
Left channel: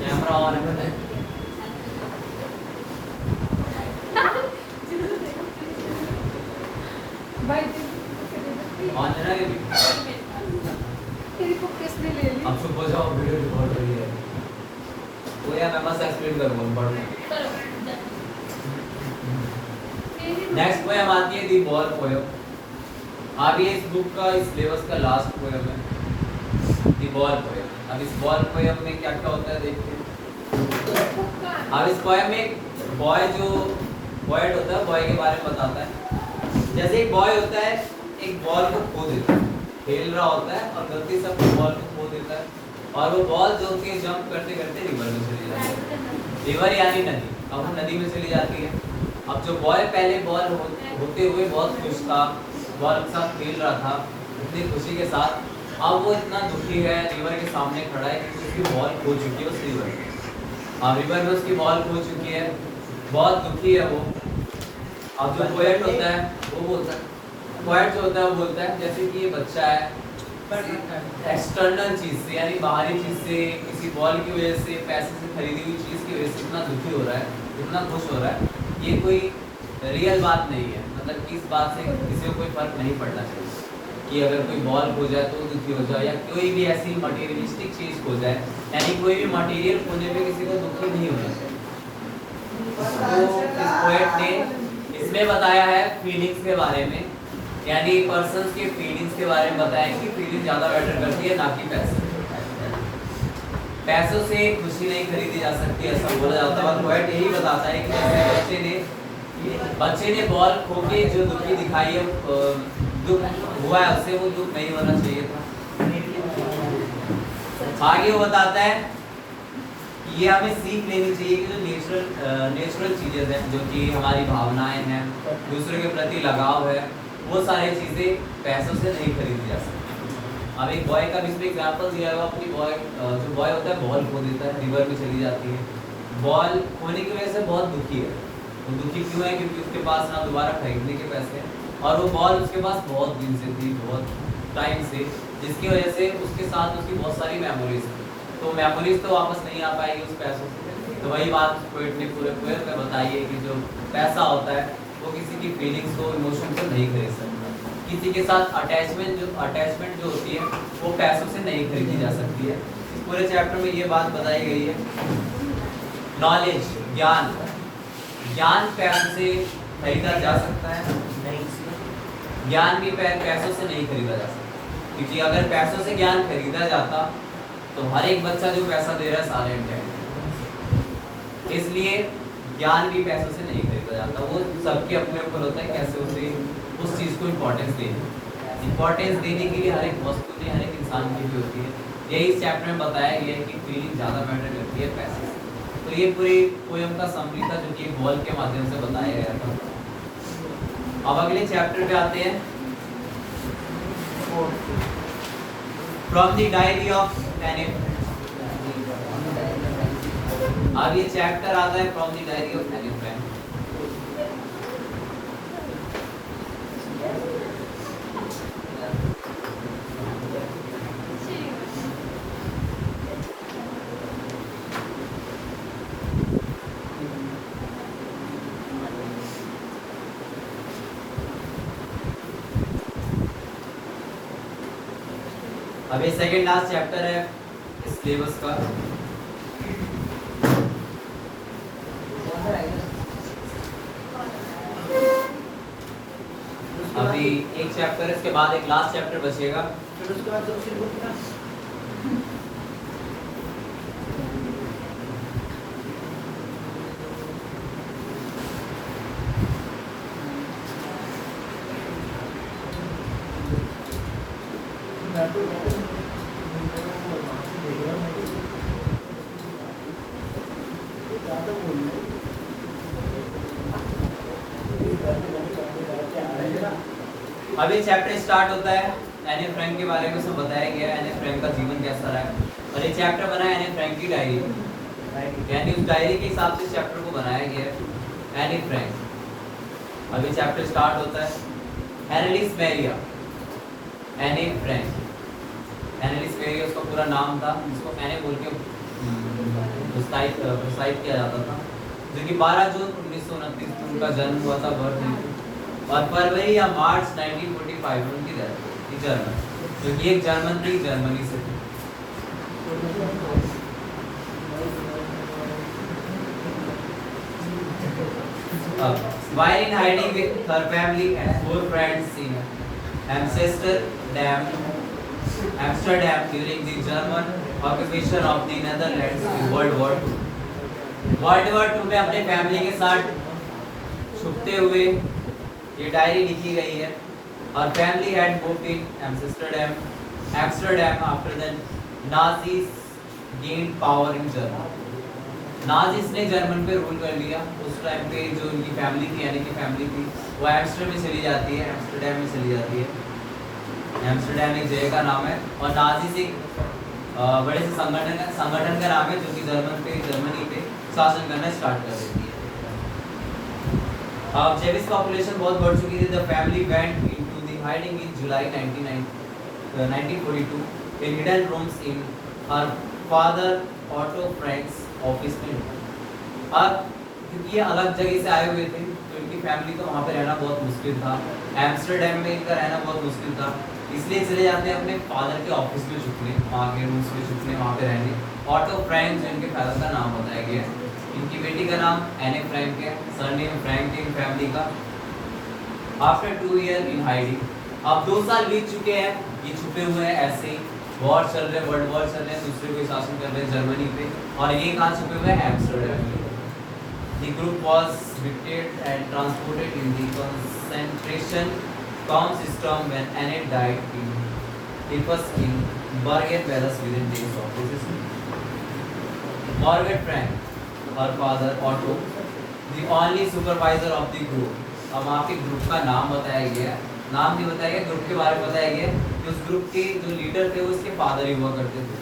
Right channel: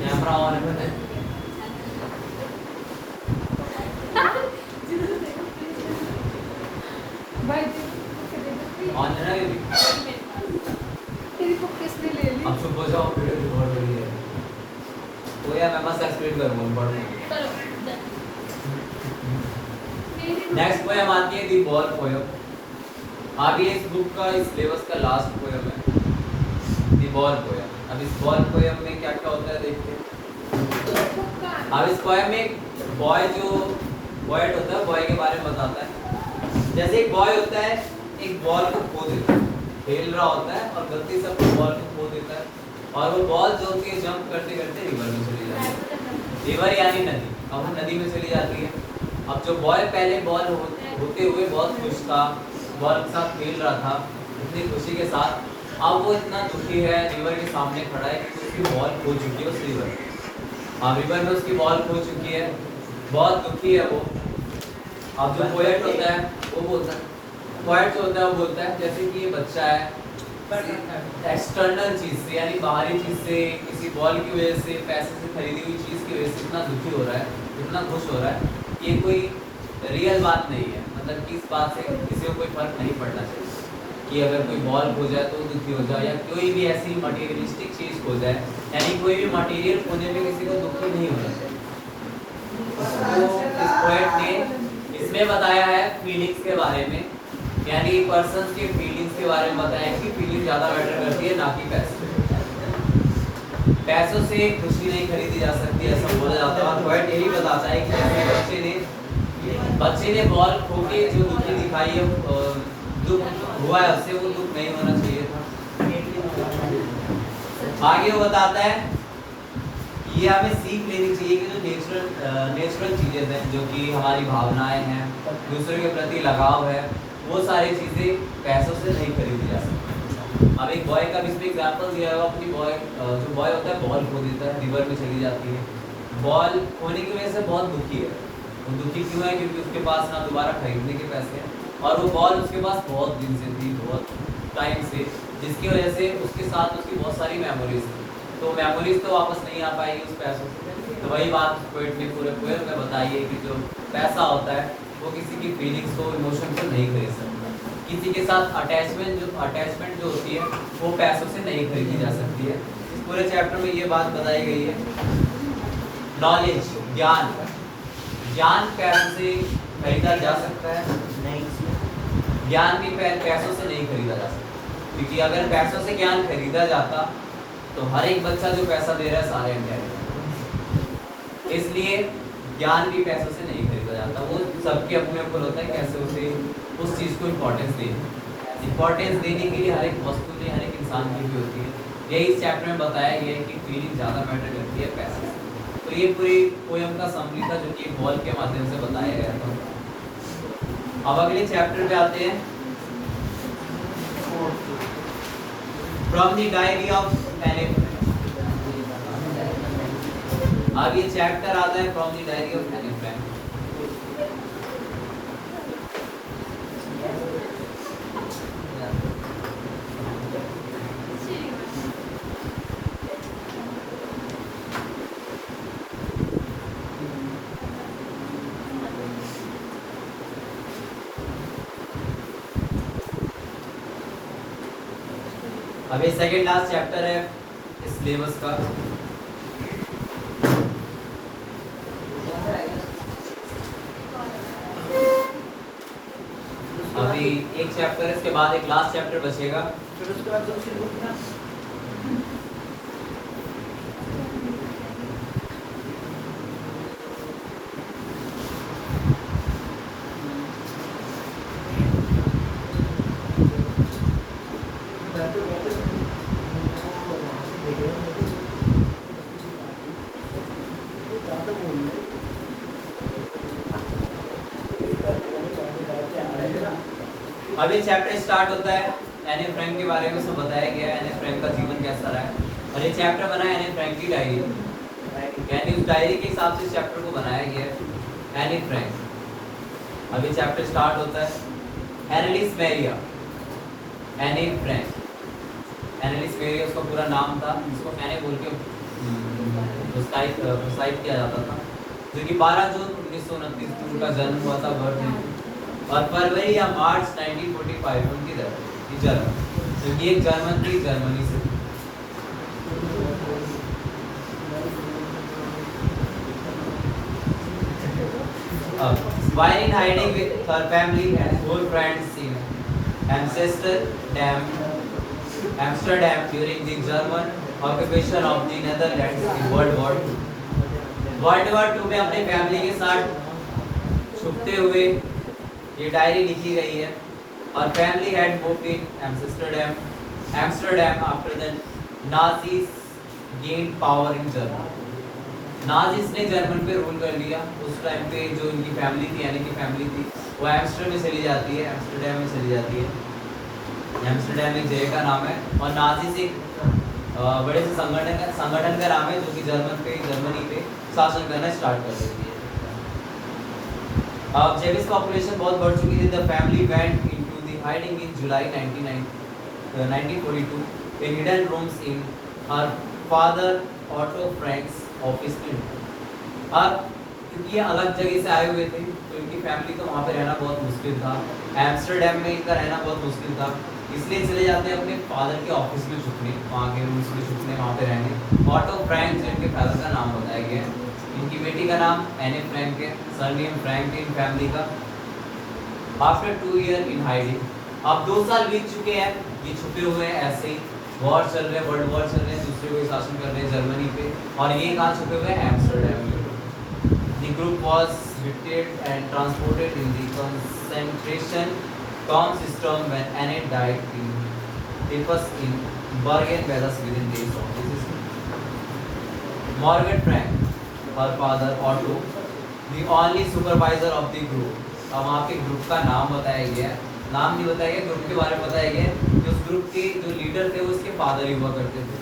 कैमरा ऑन है, ऑन है ना, अब चुप हो जाओ, वीडियो रिकॉर्ड हो रही है। तो यार मैं बस एक्सप्लेन करूंगा पढ़ूंगा। नेक्स्ट पोएम आती है दी बॉल पोएम। आगे इस बुक का, इस सिलेबस का लास्ट पोएम है दी बॉल पोएम। अब इस बॉल पोएम में क्या क्या होता है देखते हैं। अब इस पोएम में एक बॉय जो बॉयड होता है, बॉय के बारे में बताता है। जैसे एक बॉय होता है, एक बॉल को खो देता है, खेल रहा होता है और गलती से अपने बॉल को खो देता है, और वो बॉल जो होती है जंप करते करते रिवर में चली जाती है। रिवर यानी नदी, अब वो नदी में चली जाती है। अब जो बॉय पहले बॉल होते हुए बहुत खुश था, बॉल के साथ खेल रहा था इतनी खुशी के साथ, अब वो इतना दुखी है, रिवर के सामने खड़ा है कि उसकी बॉल खो चुकी है उस रिवर में। हाँ, रिवर में उसकी बॉल खो चुकी है, बहुत दुखी है वो। अब जो पोएट होता है वो बोलता है, पोएट जो होता है वो बोलता है जैसे कि ये बच्चा है, एक्सटर्नल चीज से यानी बाहरी चीज से, किसी बॉल की वजह से, पैसे से खरीदी हुई चीज की वजह से इतना दुखी हो रहा है, इतना खुश हो रहा है, ये कोई रियल बात नहीं है, मतलब कि इस बात से किसी को कोई फर्क नहीं पड़ना चाहिए। कि अगर कोई बॉल खो जाए तो दुखी हो जाए, या कोई भी ऐसी मटेरियलिस्टिक चीज खो जाए, यानी कोई भी मटेरियल खोने में किसी को दुखी नहीं होना चाहिए। तो इस पोएट ने इसमें बताया है फीलिंग्स के बारे में, यानी पर्सन्स के फीलिंग्स के बारे में बताया कि फीलिंग ज़्यादा मैटर करती है ना कि पैसे। पैसों से खुशी नहीं खरीदी जा सकती ऐसा बोला जाता है, और पोएट यही बताता है कि बच्चे ने बॉल खो के जो दुखी दिखाई है, दुख हुआ है उससे, वो दुख नहीं होना चाहिए था। आगे वो बताता है ये हमें सीख लेनी चाहिए कि जो नेचुरल चीज़ें हैं, जो कि हमारी भावनाएं हैं, दूसरे के प्रति लगाव है, वो सारी चीज़ें पैसों से नहीं खरीदी जा सकती। अब एक बॉय का इसमें एग्जाम्पल दिया है, अपनी जो बॉय होता है बॉल खो देता है, रिवर में चली जाती है। बॉल खोने की वजह से बहुत दुखी है। वो दुखी क्यों है? क्योंकि उसके पास ना दोबारा खरीदने के पैसे हैं, और वो बॉल उसके पास बहुत दिन से थी, बहुत टाइम से, जिसकी वजह से उसके साथ उसकी बहुत सारी मेमोरीज थी। तो मेमोरीज तो वापस नहीं आ पाएगी उस पैसों से। तो वही बात पोएट ने पूरे पोएम में बताई है कि जो पैसा होता है वो किसी की फीलिंग्स को, इमोशन को नहीं खरीद सकता। किसी के साथ अटैचमेंट जो होती है वो पैसों से नहीं खरीदी जा सकती है। पूरे चैप्टर में ये बात बताई गई है। नॉलेज, ज्ञान पैसों से खरीदा जा सकता है? नहीं, ज्ञान भी पैसों से नहीं खरीदा जा सकता, क्योंकि अगर पैसों से ज्ञान खरीदा जाता तो हर एक बच्चा जो पैसा दे रहा है सारे इंटेलिजेंट, इसलिए ज्ञान भी पैसों से नहीं खरीदा जाता। वो सबके अपने ऊपर होता है कैसे उसे उस चीज़ को इम्पोर्टेंस देने के लिए हर एक वस्तु ने, हर एक इंसान की भी होती है। यही इस चैप्टर में बताया गया है कि फीलिंग ज़्यादा मैटर करती है पैसे से। तो ये पूरी पोएम का समरी था, जो कि एक बॉल के माध्यम से बताया गया था। अब अगले चैप्टर पे आते हैं, from the diary of any. अब ये चैप्टर आता है from the diary of Anne Frank. अब ये सेकंड लास्ट चैप्टर है इस सिलेबस का। अभी एक चैप्टर, इसके बाद एक लास्ट चैप्टर बचेगा। अभी चैप्टर स्टार्ट होता है, एनी फ्रैंक के बारे में सब बताया गया है, एनी फ्रैंक का जीवन कैसा रहा है, और ये चैप्टर बना है एनी फ्रैंक की डायरी, यानी उस डायरी के हिसाब से चैप्टर को बनाया गया है, एनी फ्रैंक। अभी चैप्टर स्टार्ट होता है। एनालिस मैरिया, एनी फ्रैंक, एनालिस मैरिया उसका पूरा नाम था, जिसको एनी बोल के प्रोसाइड किया जाता था, जो कि 12 जून 1929 को उनका जन्म हुआ था, बर्थ हुई थी, और फरवरी या मार्च 1945 उनकी डेथ, जर्मन, क्योंकि एक जर्मन थी, जर्मनी से। While in hiding with her family and 4 friends in Amsterdam during the German occupation of the Netherlands in World War II में अपने फैमिली के साथ छुपते हुए ये डायरी लिखी गई है। और family had moved in Amsterdam after the Nazis gained power in Germany. Nazis ने जर्मन पे रूल कर लिया। उस टाइम पे जो इनकी फैमिली थी, यानी कि फैमिली थी, वो एम्स्टर्डम में चली जाती है, एम्स्टर्डम एक जगह का नाम है, और नाजीज एक बड़े से संगठन का नाम है, जो कि जर्मनी पे शासन करना स्टार्ट कर देती है। अब जब इस पॉपुलेशन बहुत बढ़ चुकी थी, the family went into the hiding in July 1942 in hidden rooms in her father auto Franks office में। अब क्योंकि ये अलग जगह से आए हुए थे, तो इनकी फैमिली को वहाँ पे रहना बहुत मुश्किल था, एम्स्टर्डम में इनका रहना बहुत मुश्किल था, इसलिए चले जाते हैं अपने फादर के ऑफिस में छुपने, वहाँ के रूम्स में छुपने, वहाँ पे रहने। ऑटो फ्रैंक जो इनके फादर का नाम बताया गया है, इनकी बेटी का नाम एने फ्रैंक है, सरनेम फ्रैंक इन फैमिली का। आफ्टर 2 ईयर इन हाइडिंग, अब 2 साल बीत चुके हैं, ये छुपे हुए हैं ऐसे ही। वॉर चल रहे हैं, वर्ल्ड वॉर चल रहे हैं, दूसरे कोई शासन कर रहे हैं जर्मनी पे, और ये कहाँ छुपे हुए हैं? एम्स्टर्डम में। The group was evicted and transported in the concentration camp system when Anne died. It was in Bergen-Belsen within days of this. Margaret Frank, her father Otto, the only supervisor of the group. अब आपके ग्रुप का नाम बताया गया है, नाम नहीं बताया गया, ग्रुप के बारे में बताया गया है कि उस ग्रुप के जो लीडर थे वो उसके फादर ही हुआ करते थे।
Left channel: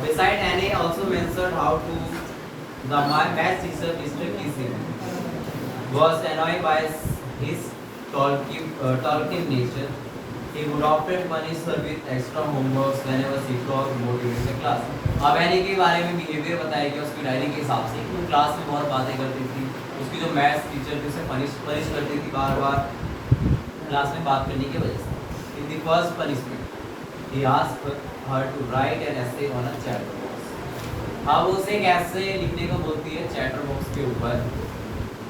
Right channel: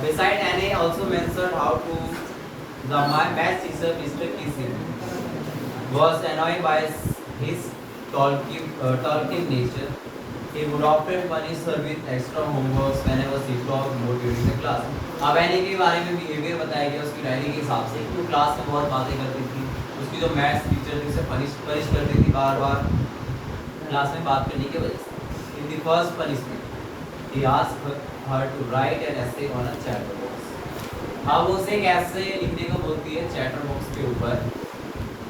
Beside Anne also mentioned how to the math teacher Mr. Kissing was annoyed by his talking nature. He would often punish her with extra homework whenever she talked more during the class. अब एने के बारे में बिहेवियर बताया गया उसकी डायरी के हिसाब से, वो क्लास में बहुत बातें करती थी, उसकी जो मैथ्स टीचर थी उसे पनिश करती थी बार बार क्लास में बात करने की वजह से। In the first punishment he asked her to write an essay on a chatter box। अब उसे एक essay लिखने को बोलती है चैटर बॉक्स के ऊपर,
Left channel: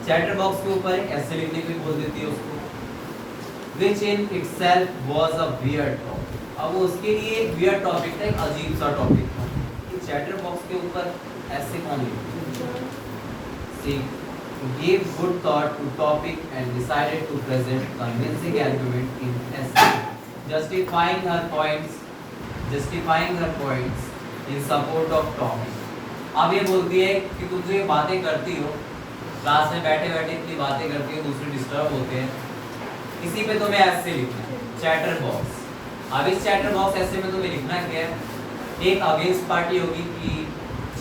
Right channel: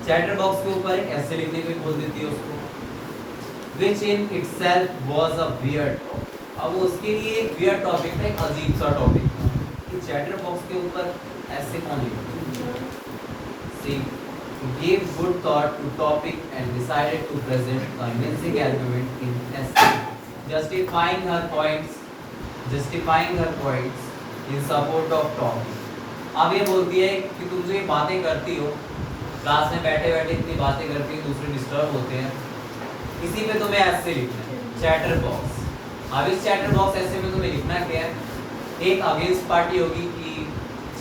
चैटर बॉक्स के ऊपर ऐसे लिखने को बोल देती है उसको, which in itself was a weird topic। अब वो उसके लिए एक weird topic था, एक अजीब सा topic था कि चैटर बॉक्स के ऊपर ऐसे कौन लिखता। She gave good thought to topic and decided to present convincing argument in essay, justifying her points in support of topic। अब ये बोलती है कि तुम जो ये बातें करती हो, क्लास में बैठे बैठे इतनी बातें करती हो, दूसरे डिस्टर्ब होते हैं, इसी पे तुम्हें ऐसे लिखना है, चैटर बॉक्स। अब इस चैटर बॉक्स ऐसे में तुम्हें लिखना क्या है? एक अगेंस्ट पार्टी होगी कि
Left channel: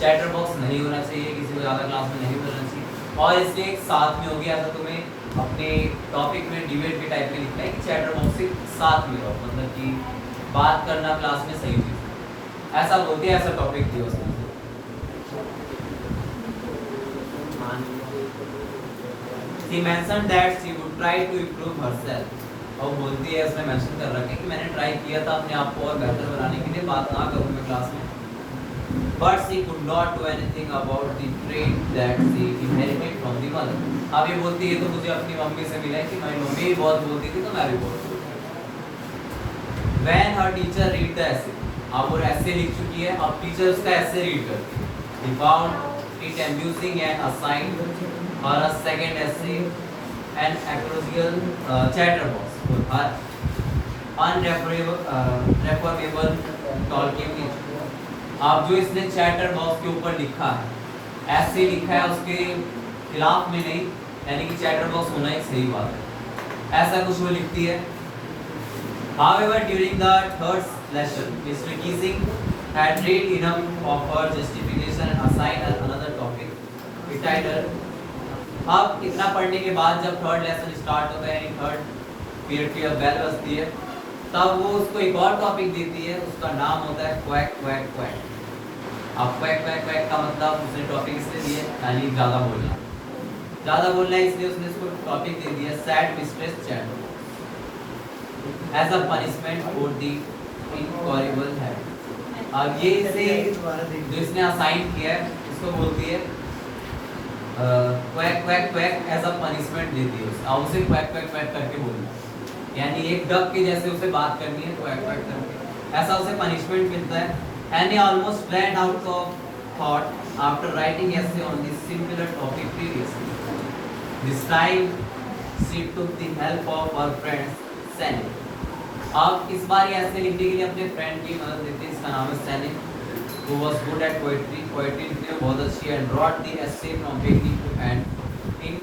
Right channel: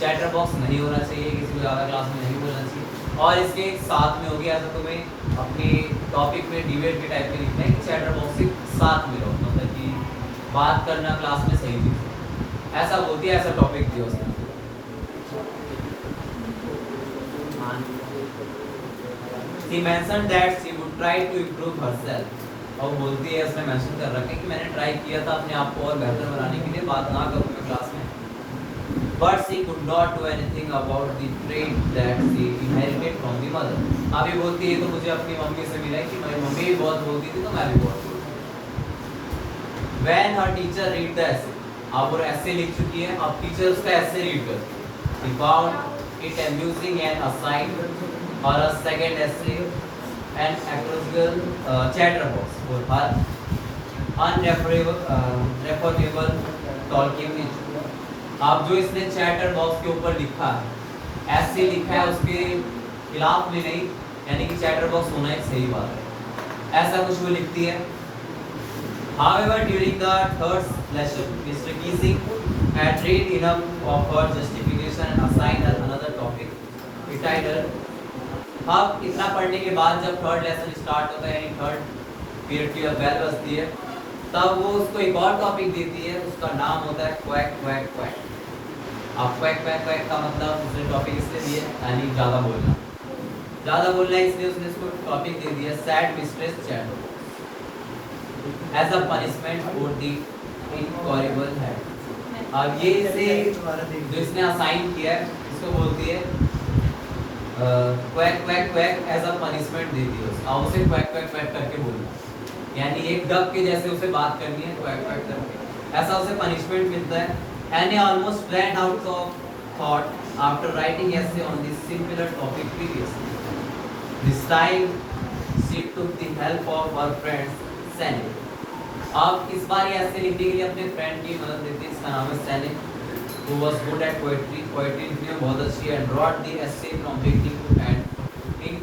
चैटर बॉक्स नहीं होना चाहिए, किसी को ज़्यादा क्लास में नहीं बोलना चाहिए, और इसके एक साथ में होगी, ऐसा तुम्हें अपने टॉपिक में डिबेट के टाइप में लिखना है कि चैटर बॉक्स के साथ में रहो, मतलब कि बात करना क्लास में सही थी, ऐसा बोलती है, ऐसा टॉपिक थी उसमें। She mentioned that she would try to improve herself। और बोलती है, इसने मेंशन कर रखा है कि मैंने ट्राई किया था अपने आप को और बेहतर बनाने के लिए, बात ना करूँ मैं क्लास में। But she could not do anything about the trait that she inherited from the mother। अब ये बोलती है तो मुझे अपनी मम्मी से मिला कि मेरी मम्मी भी बहुत बोलती थी तो मैं भी बहुत बोलती। When her teacher read the essay, अब वो ऐसे लिख चुकी है, अब टीचर उसका ऐसे रीड करती है। He found it amusing and assigned her a second essay, an acrostical chatterbox for her unreformable talking nature। अब जो इसने चैटर बॉक्स के ऊपर लिखा है, ऐसे लिखा है, उसके खिलाफ में नहीं, यानी कि चैटर बॉक्स होना एक सही बात है, ऐसा कुछ वो लिखती है। However, during the third lesson, Mr. Keesing had read enough of her justification and assigned her another topic, entitled। अब इतना पढ़ने के बाद जब थर्ड लेसन स्टार्ट होता है, यानी थर्ड पीरियड की बेल बजती है, तब वो उसको एक और टॉपिक देती है, उसका नाम होता है क्वैक क्वैक क्वैक। अब क्वैक क्वैक क्वैक का मतलब उसने टॉपिक इसलिए दिया, यानी ज़्यादा बोलना है, इसलिए उसने इसको टॉपिक दे दिया sad distress chat as a punishment for the incorrigible head. अब ये इसे जो इसने असाइन किया है, इसको बोलती है quack quack quack as a punishment देती है। अब उसे क्वैक क्वैक क्वैक करके बोलना, यानी एक डक के जैसे उसे बात करनी है, क्वैक क्वैक करके, ऐसा उसे पनिशमेंट मिलता है। And almost blank out of thought after writing essay on this similar topic previously। This time she took the help of her friend Sally। अब इस बार ये ऐसे लिखने के लिए अपने फ्रेंड की मदद लेती है, इसका नाम है सैली, who was good at poetry लिखने में बहुत अच्छी है, and wrote the essay from beginning to end in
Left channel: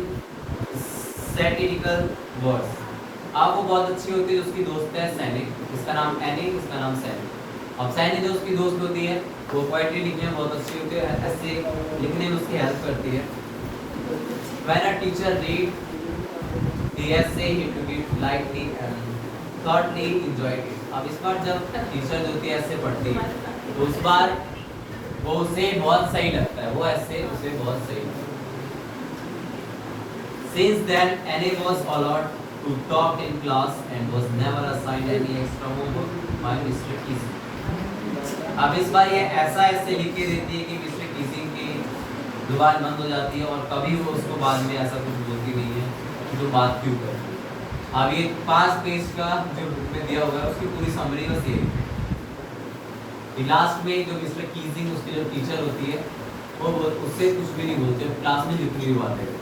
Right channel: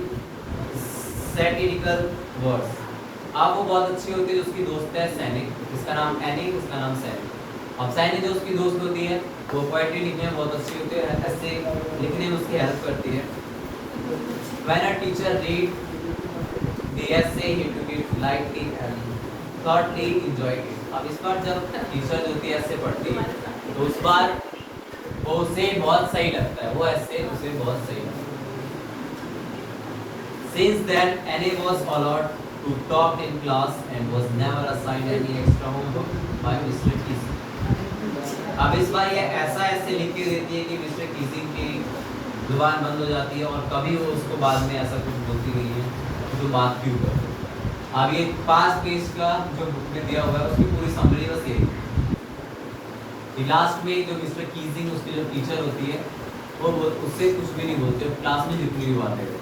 satirical verse। अब वो बहुत अच्छी होती है, उसकी दोस्त है सैनी, उसका नाम एनी, उसका नाम सैनी। अब सैनी जो उसकी दोस्त होती है, वो पोएट्री लिखने में बहुत अच्छी होती है, ऐसे लिखने में उसकी हेल्प करती है। When a teacher read the essay, he took it lightly and thoroughly enjoyed it। अब इस बार जब टीचर होती है ऐसे पढ़ती है, तो उस बार वो उसे बहुत सही लगता है, वो ऐसे उसे बहुत सही लगता है। Since then, Annie was allowed who topped in class and was never assigned any extra homework by Mr. Keesing. अब इस बार ये ऐसा ऐसे लिख के देती है कि मिस्टर कीसिंग की जुबान बंद हो जाती है और कभी वो उसको बाद में ऐसा कुछ बोलती नहीं है जो बात क्यों कर। अब ये 5 पेज का जो बुक में दिया हुआ है उसकी पूरी समरी बस ये कि लास्ट में जो मिस्टर कीसिंग उसकी जो टीचर होती है वो उससे कुछ भी नहीं बोलते, क्लास में जितनी भी बात है।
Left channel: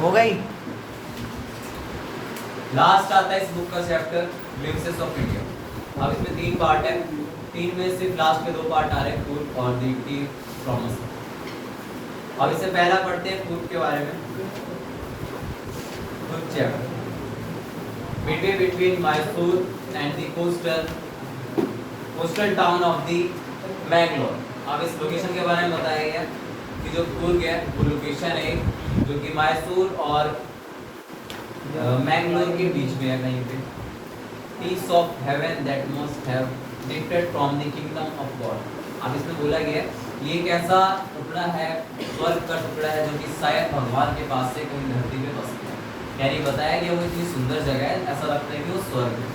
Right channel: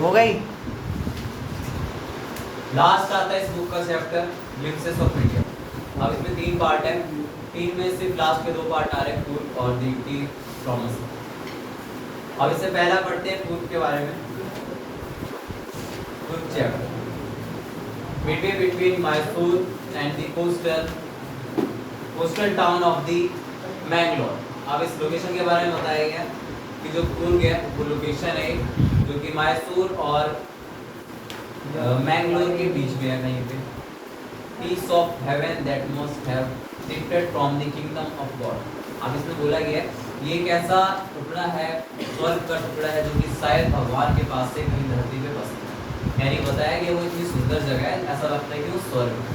हो गई। लास्ट आता है इस बुक का चैप्टर ग्लिम्पसेस ऑफ इंडिया। अब इसमें 3 पार्ट है, 3 में सिर्फ लास्ट के 2 पार्ट आ रहे हैं, फूड और दी प्रॉमिस। अब इससे पहला पढ़ते हैं फूड के बारे में। Food chapter midway between Mysore and the coastal town of the Mangalore। अब इस लोकेशन के बारे में बताया गया कि जो कुर्ग है वो लोकेशन है जो कि मैसूर और मैंगलोर के बीच में है कहीं पे। Piece of heaven that must have drifted from the kingdom of God। अब इसमें बोला गया ये एक ऐसा टुकड़ा है, स्वर्ग का टुकड़ा है जो कि शायद भगवान के पास से कहीं धरती पे बसता है। यानी बताया गया वो इतनी सुंदर जगह है, ऐसा लगता है कि वो स्वर्ग है।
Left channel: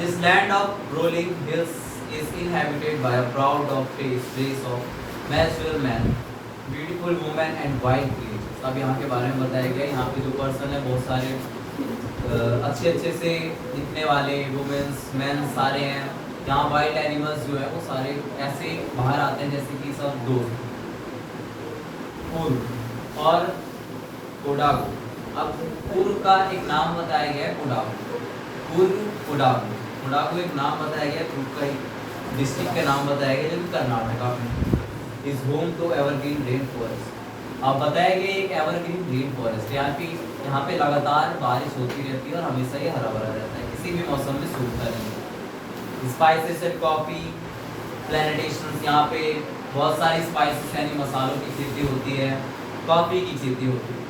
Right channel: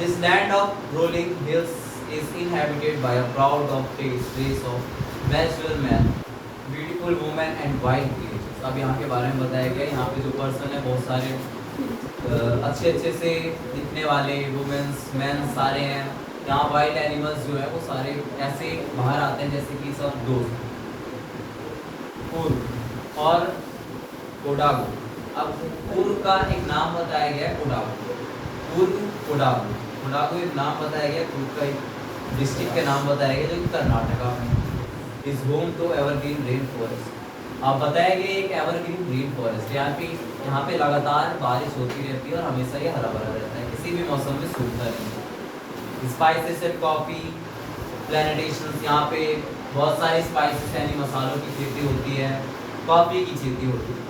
This land of rolling hills is inhabited by a crowd of race of natural men, beautiful women and wild creatures। अब यहाँ के बारे में बताया गया, यहाँ पे जो पर्सन है बहुत सारे अच्छे अच्छे से दिखने वाले वुमेन्स मैन सारे हैं। यहाँ वाइल्ड एनिमल्स जो है वो सारे ऐसे बाहर आते हैं जैसे कि सब दोस्त और कोडागो। अब पूर्व का एक नाम बताया गया है कोडागो, पूर्व कोडागो। कोडागो एक नाम बताया गया, पूर्व का एक डिस्ट्रिक्ट के नाम बताया गया जो कर्नाटका में is home to evergreen rain forest. अब बताया गया एक एवरग्रीन रेन फॉरेस्ट यहाँ पे लगातार बारिश होती रहती है और हमेशा ये हरा भरा रहता है, किसी भी मौसम में सूखता नहीं है। स्पाइसेस एंड कॉफ़ी प्लांटेशंस, यहाँ पे बहुत सारी स्पाइसेस यानी मसालों की खेती होती है, कॉफ़ी की खेती होती है।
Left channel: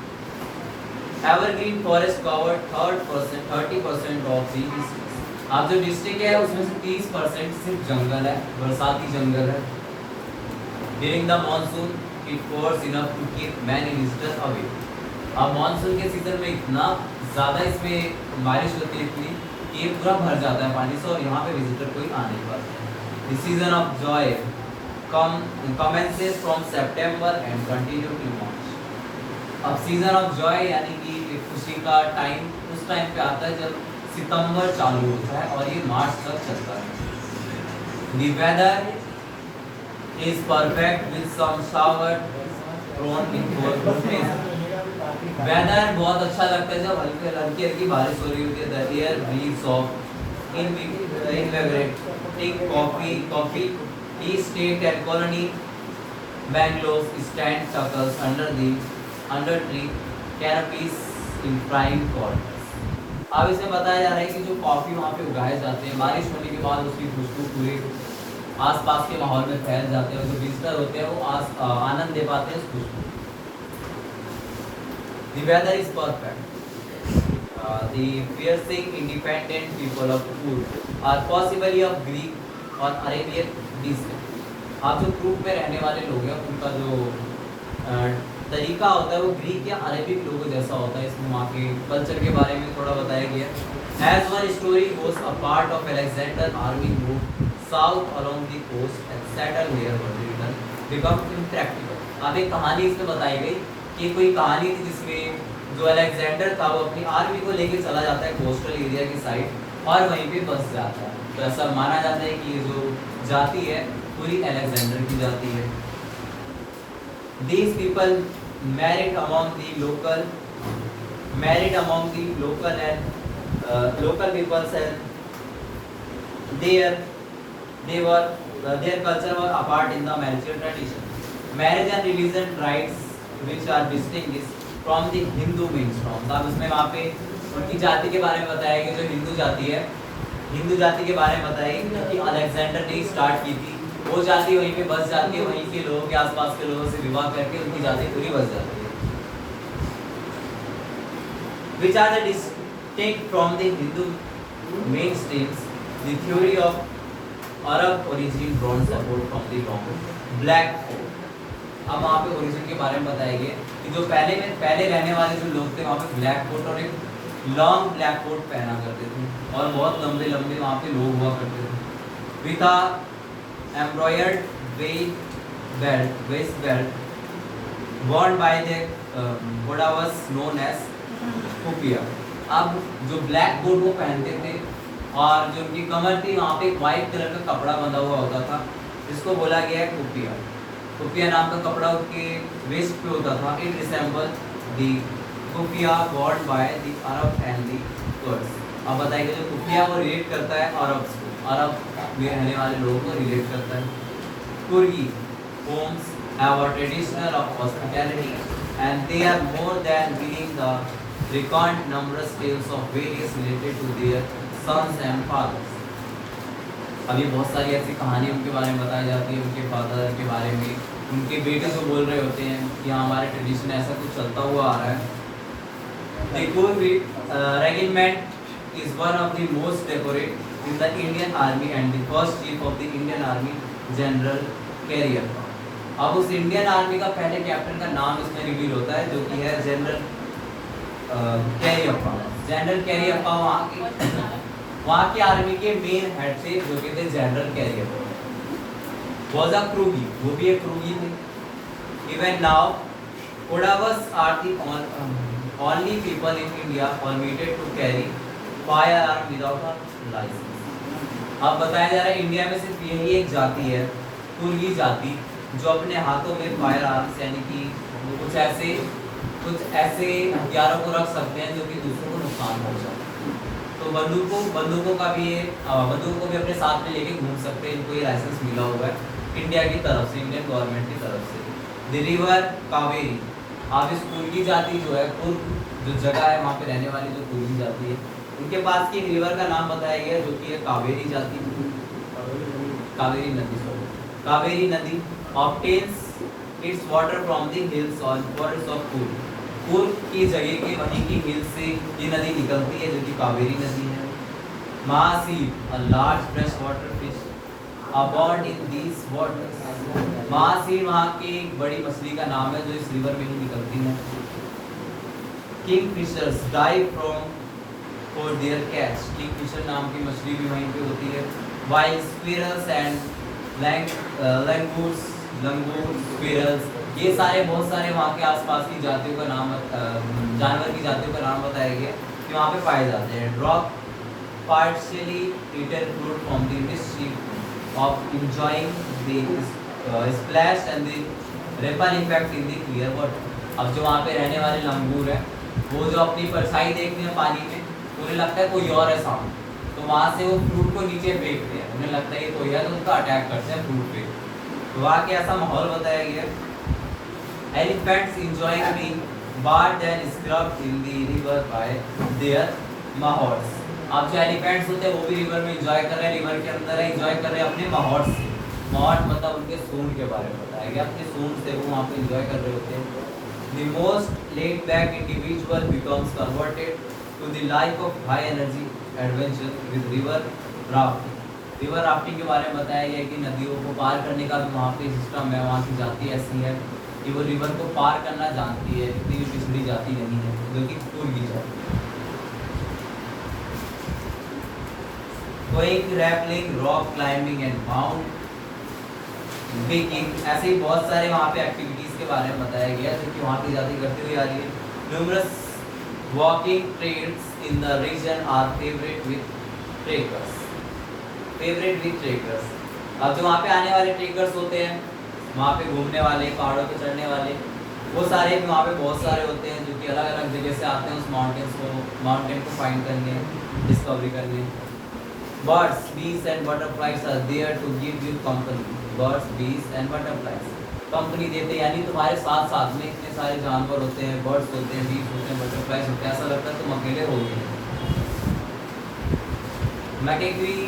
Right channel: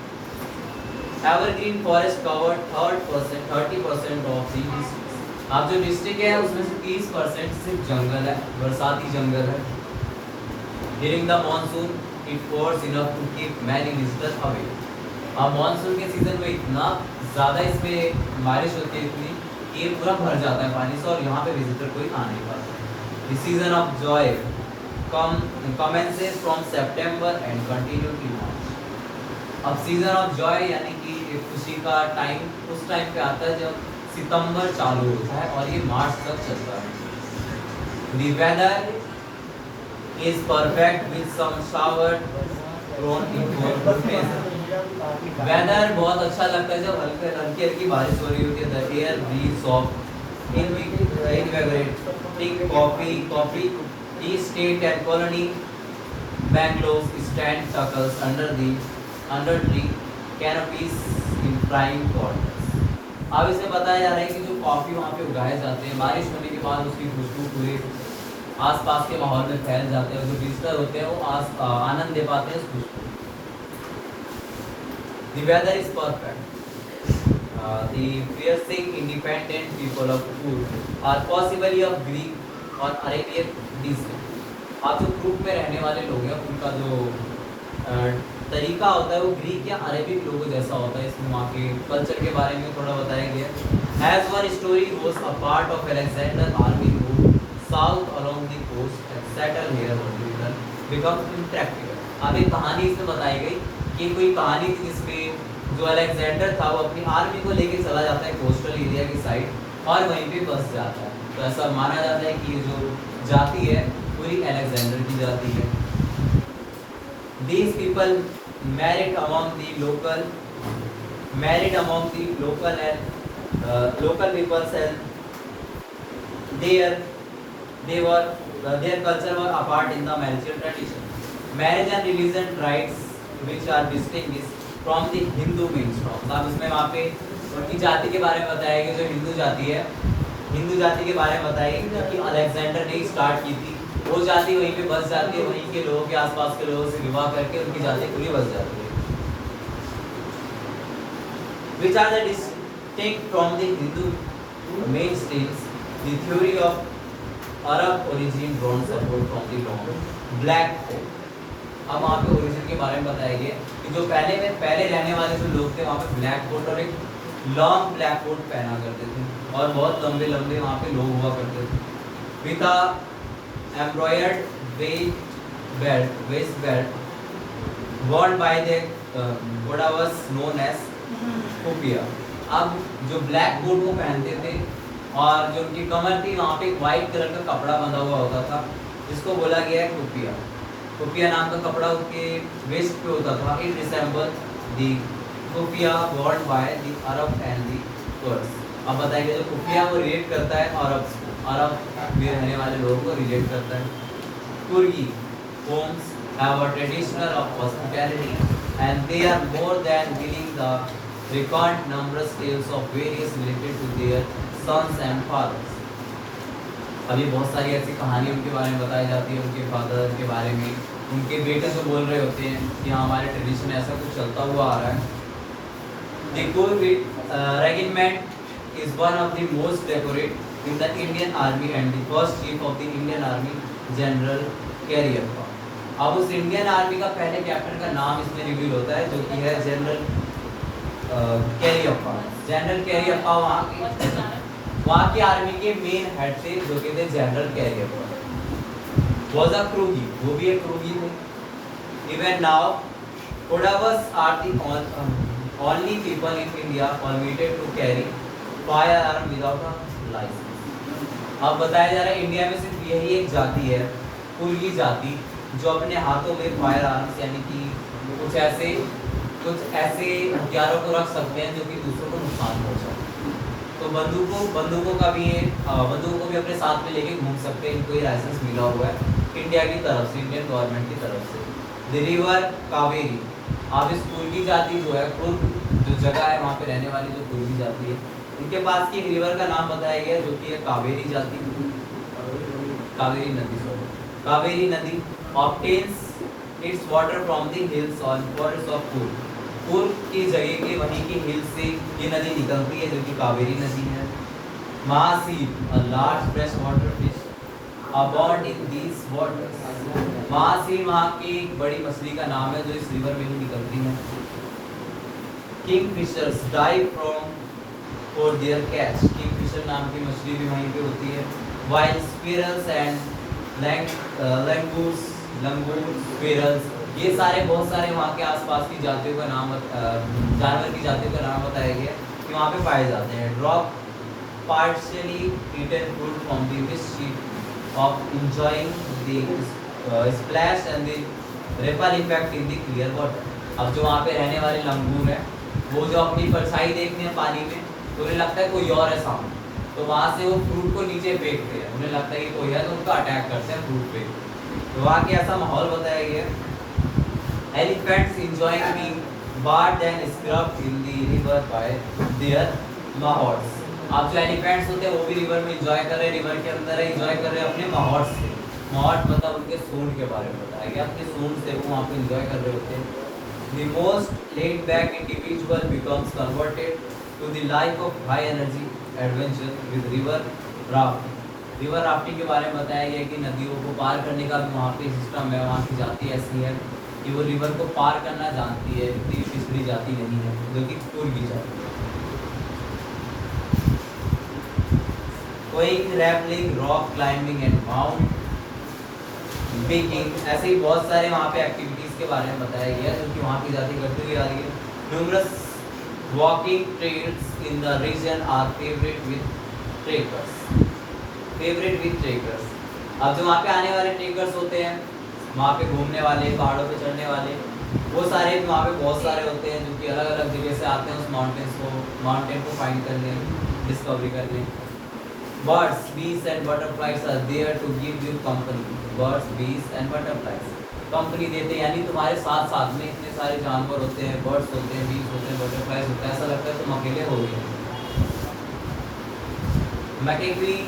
Evergreen forest covered 30% of the district. अब जो डिस्ट्रिक्ट है उसमें से 30% सिर्फ जंगल है, बरसाती जंगल है। During the monsoon it pours enough to keep many visitors away. अब मानसून के सीजन में इतना ज़्यादा इसमें बारिश होती है इतनी कि ये पूरा भर जाता है पानी से और यहाँ पे विजिटर कोई आ नहीं पाता। The season of Joy commences from September and continue till March। अब सीजन ऑफ जॉय यानी कि खुशी का टाइम उस टाइम पे आता है जब सितंबर चालू होता है और ये मार्च तक चलता है। The weather is perfect with some shower thrown in for good measure। Weather बहुत अच्छा लगता है जब हल्की हल्की बारिश हो रही होती है। The air breeze of invigorating coffee tea state and colony Bangalore stand tackles under tree canopies in prime quarters. अब इसमें बताया जा रहा है कि जो कॉफ़ी वहाँ पे उगाए जाते हैं बारिश होने के बाद उसकी खुशबू पूरे आसपास के माहौल में फैल जाते हैं और जो विजिटर होते हैं वो आनंद ले पाते हैं उस खुशबू। The weather is perfect। The fiercely independent people of Ur are possibly of Greek और Arabian descent। अब जो ग्रुप में रहने वाले लोग हैं उनका जो तरीका होता है वो ग्रीक या अरेबिक लोगों जैसा होता है। इसमें वहाँ के कल्चर के बारे में थोड़ा बताया गया है। As one story goes, a part of Alexander army moved south along the coast and settled here but later become impractical। अब एक कहानी इसमें बताई गई कि कोई कहानी थी जिसमें जो अलेक्जेंडर था वो अपनी आर्मी को लेके चला जाता है कोस्टल एरिया की साइड और वहीं पे बस जाता है। तो ऐसा माना जाता है कि ये जो जाति है पूरी अलेक्जेंडर की जाति है। These people married among the local and local peoples, and their culture was apart in the marriage tradition. Marriage and religion rites which are distinguished from the Hindu mainstream. अब इसमें वहाँ पे उनकी जाति के बारे में बताया गया, जो हिंदू जाति है, हिंदू जाति के बारे में बताया गया कि अलेक्जेंडर ने स्टार्ट की थी। वो जाति वहीं पे बस जाती है, वहीं के लोगों के आसपास के लोगों से विवाह करके उनकी जाति पूरी बस जाती है। Which are the distinct from the Hindu mainstreams, the theory of Arab origin drawn support from the long black coat. अब वहाँ पे ओरिजिन के बारे में बताया गया कि जो पहले रहने वाले जो लोग थे वहाँ पे ब्लैक कोट और एक लॉन्ग ब्लैक कोट पहना करते थे और बहुत लंबे लंबे वहाँ पे लोग हुआ करते थे। With a embroidered waist belt worn by the what was known as kupya. अब जो ब्लैक कोट वो पहनते थे और जो उनकी कमर थी वहाँ पे एक वाइट कलर का कपड़ा बंधा हुआ होता था, जिसको बोला गया है कुपिया। कुपिया नाम का कपड़ा उसके वेस्ट पे होता था। It resemble the kupya worn by the Arab and the Kurds. अब बताइए जो कुपिया वो रिलेट करता है अरब्स को, अरब में रहने वाले लोगों को रिलेट करता है। कुर्गी Holmes have a tradition of hospitality and they are more than willing to recount numerous tales of various related to their sons and fathers. अब ये बहुत सारी ऐसी कहानी उनके बारे में बताई जाती है, उनके फादर के बारे में, उनके बेटे को बोल रहे होते हैं कि हमारे ट्रेडिशन ऐसा कुछ चलता हुआ आ रहा है। The Kurd regiment is one of the most decorated in the Indian Army and the first chief of the Indian Army, General Cariappa. अब उस इंडियन आर्मी का पहले कैप्टन का नाम इसमें रिवील होता है जो कि है जनरल कैरियप्पा। जनरल कैरियप्पा वहाँ की आर्मी के मेन हेड थे जो कि थे general Cariappa. Was a Coorgi, वो भी एक क्रूगी थे। Even now Kodavas are the only people in India permitted to carry firearm without a license. अब बताया जा रहा है इंडिया में सिर्फ यही एक जाति है, कुर्गी जाति, जो अपने हाथों में फायर आर्म्स यानी कि कुछ ऐसे हथियारों को रख सकते हैं जो कि दूसरों को नुकसान पहुंचाए। तो बंदूकों को भी अपने साथ में लेके घूम सकते हैं, इनको ये लाइसेंस मिला हुआ है इंडिया की तरफ से, इंडियन गवर्नमेंट की तरफ से। The river Kaveri. अब इस कुर्गी जाति जो है, कुर्ग जो जगह है वहाँ पे रहने वाली जो कुर्गी जाति है, उनके पास की रिवर का नाम बताया गया जो कि है कावेरी जाति, कावेरी नदी। कावेरी नदी obtains its water from the hills on borders of Kurg. Coorg की जगह के वहीं की हिल से ये नदी निकलती है जो कि कावेरी नदी है। महासी, a large freshwater fish abound in these waters. महासी वहाँ की एक बड़ी मछली का नाम है जो इस रिवर में ही निकलती है। Kingfishers dive from for their catch. Kingfisher नाम की मछली भी वहीं पे होती है। While squirrels and langur, squirrels, ये सारे बहुत सारे वहाँ के आसपास की जातियों का नाम, जानवर की जातियों का नाम बताया गया कि वहाँ पे पाए जाते हैं। Drop partially eaten fruit from the mischief of enjoying the splash and the ripple effect in the clear water. अब जो वहाँ पे रहने वाले लंगूर हैं वो जो अपनी परछाई देखते हैं पानी में तो उन्हें लगता है कोई और है सामने, तो वहाँ से वो फ्रूट को नीचे फेंकते हैं, उन्हें लगता है ये कोई है तो उसका अटैक करते हैं फ्रूट पे। तो वहाँ के ऐसा माहौल बताया गया है। Elephants enjoying being bathed and scrubbed in the river by their mahouts. अब जो एलिफेंट्स होते हैं वो भी रिवर में एंजॉय कर रहे हैं, रिवर के अंदर एंजॉय कर रहे हैं अपने mahouts से। mahouts मतलब उनके सूंड के बारे में बताया गया, अपने सूंड से वो वहाँ पे एंजॉय कर रहे होते हैं। The most laid back individual becomes converted to the life of high energy adventure with river rafting. River rafting के बारे में बताया गया कि नदियों को पार करने का भी वहाँ पे सिस्टम है। वहाँ की जाति ऐसी है कि वो रिवर को पार करना जानती है, इतनी पिछड़ी जाति नहीं है जो कि कुर्गी जाति। कोई rappelling, rock climbing and mount बिकिंग, ऐसे ही बहुत सारे वहाँ पे एक्टिविटीज़ के बारे में बताया गया जो कि वहाँ की जाति करती हुई आ रही है। Numerous walking trails in the region are favourite with trekkers, favourite with trekkers. अब जो वहाँ पे आने वाले ट्रेकर्स होते हैं, वहाँ पे घूमने वाले, पहाड़ों पे चढ़ने वाले, वो सारे भी वहाँ पे बहुत सारे होते हैं जो कि अलग अलग जगह से आते हैं उस माउंटेन को फाइंड करने, डिस्कवरी करने। Birds, bees and butterflies are there to give you company. Birds, bees and butterflies company देते हैं, यानी तुम्हारे साथ साथ में इतने सारे जानवर होते हैं, बर्ड्स होते हैं, बीज होते हैं, बटरफ्लाइज होते हैं, ऐसा लगता है तुम अकेले हो गए। मैकेग्री,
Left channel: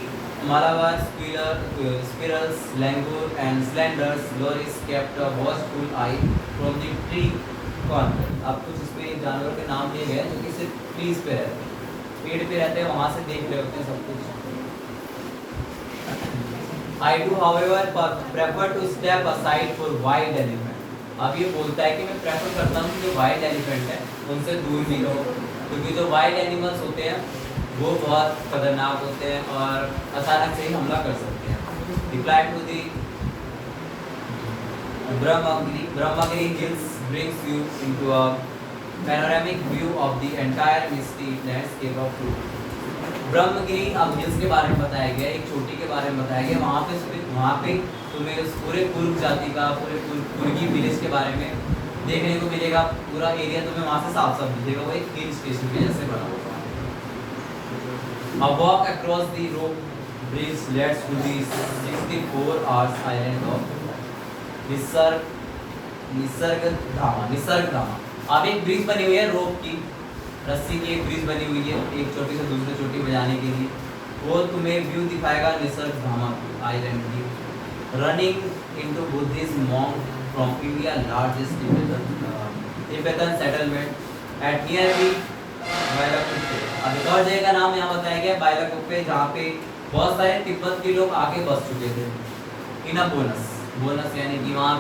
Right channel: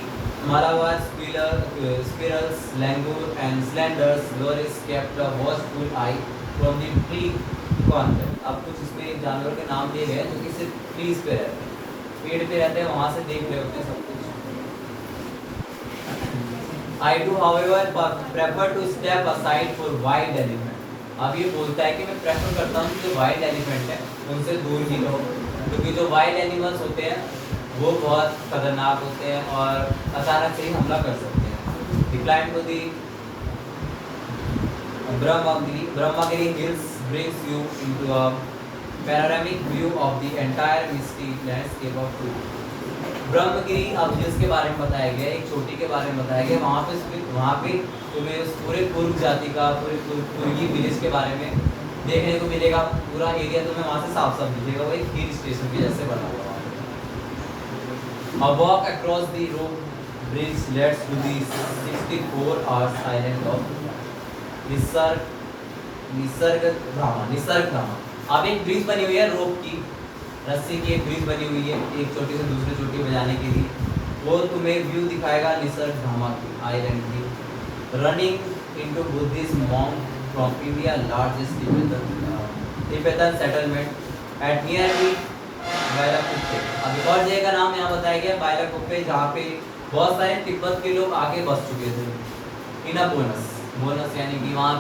Malabar, squirrels, langur and slanders, loris kept a watchful eye from the tree corner। अब कुछ इस पे जानवर के नाम दिए गए जो कि सिर्फ ट्रीज पे रहते हैं, पेड़ पे रहते हैं, वहाँ से देख रहे होते हैं सब कुछ। I do however prefer to step aside for wild elephant। अब ये बोलता है कि मैं प्रेफर करता हूँ कि जो वाइल्ड एलिफेंट है उनसे दूर ही रहो, क्योंकि जो वाइल्ड एनिमल्स होते हैं वो बहुत खतरनाक होते हैं और अचानक से ही हमला कर सकते हैं। Reply to the Brahmagiri hills brings you into a panoramic view of the entire misty landscape of Coorg। Brahmagiri अब हिल्स के बारे में बताया गया, एक चोटी के बारे में बताया गया, वहाँ पे तुम्हें उस पूरे कुर्ग जाति का, पूरे कुर्गी विलेज के बारे में देखने को मिलेगा। पूरा एरिया तुम्हें वहाँ से साफ साफ दिखेगा, वो एक हिल स्टेशन के जैसे बना हुआ है। A walk across the rope bridge leads to the 64 hours island of निसर्गधामा। अब एक ब्रिज बनी हुई है रोप की, रस्सी की एक ब्रिज बनी हुई है एक चोटी से दूसरी चोटी पे जाने के लिए, वो तुम्हें व्यू दिखाएगा निसर्गधामा की आइलैंड की। Running into Buddhist monk from India largest Tibetan settlement at near Bylakuppe. अब एक और जगह का नाम यहाँ बताया गया बायलाकुप्पे, जहाँ पे बहुत सारे तिब्बत के लोग आके बस चुके थे। इना बोनस यानी कि वहाँ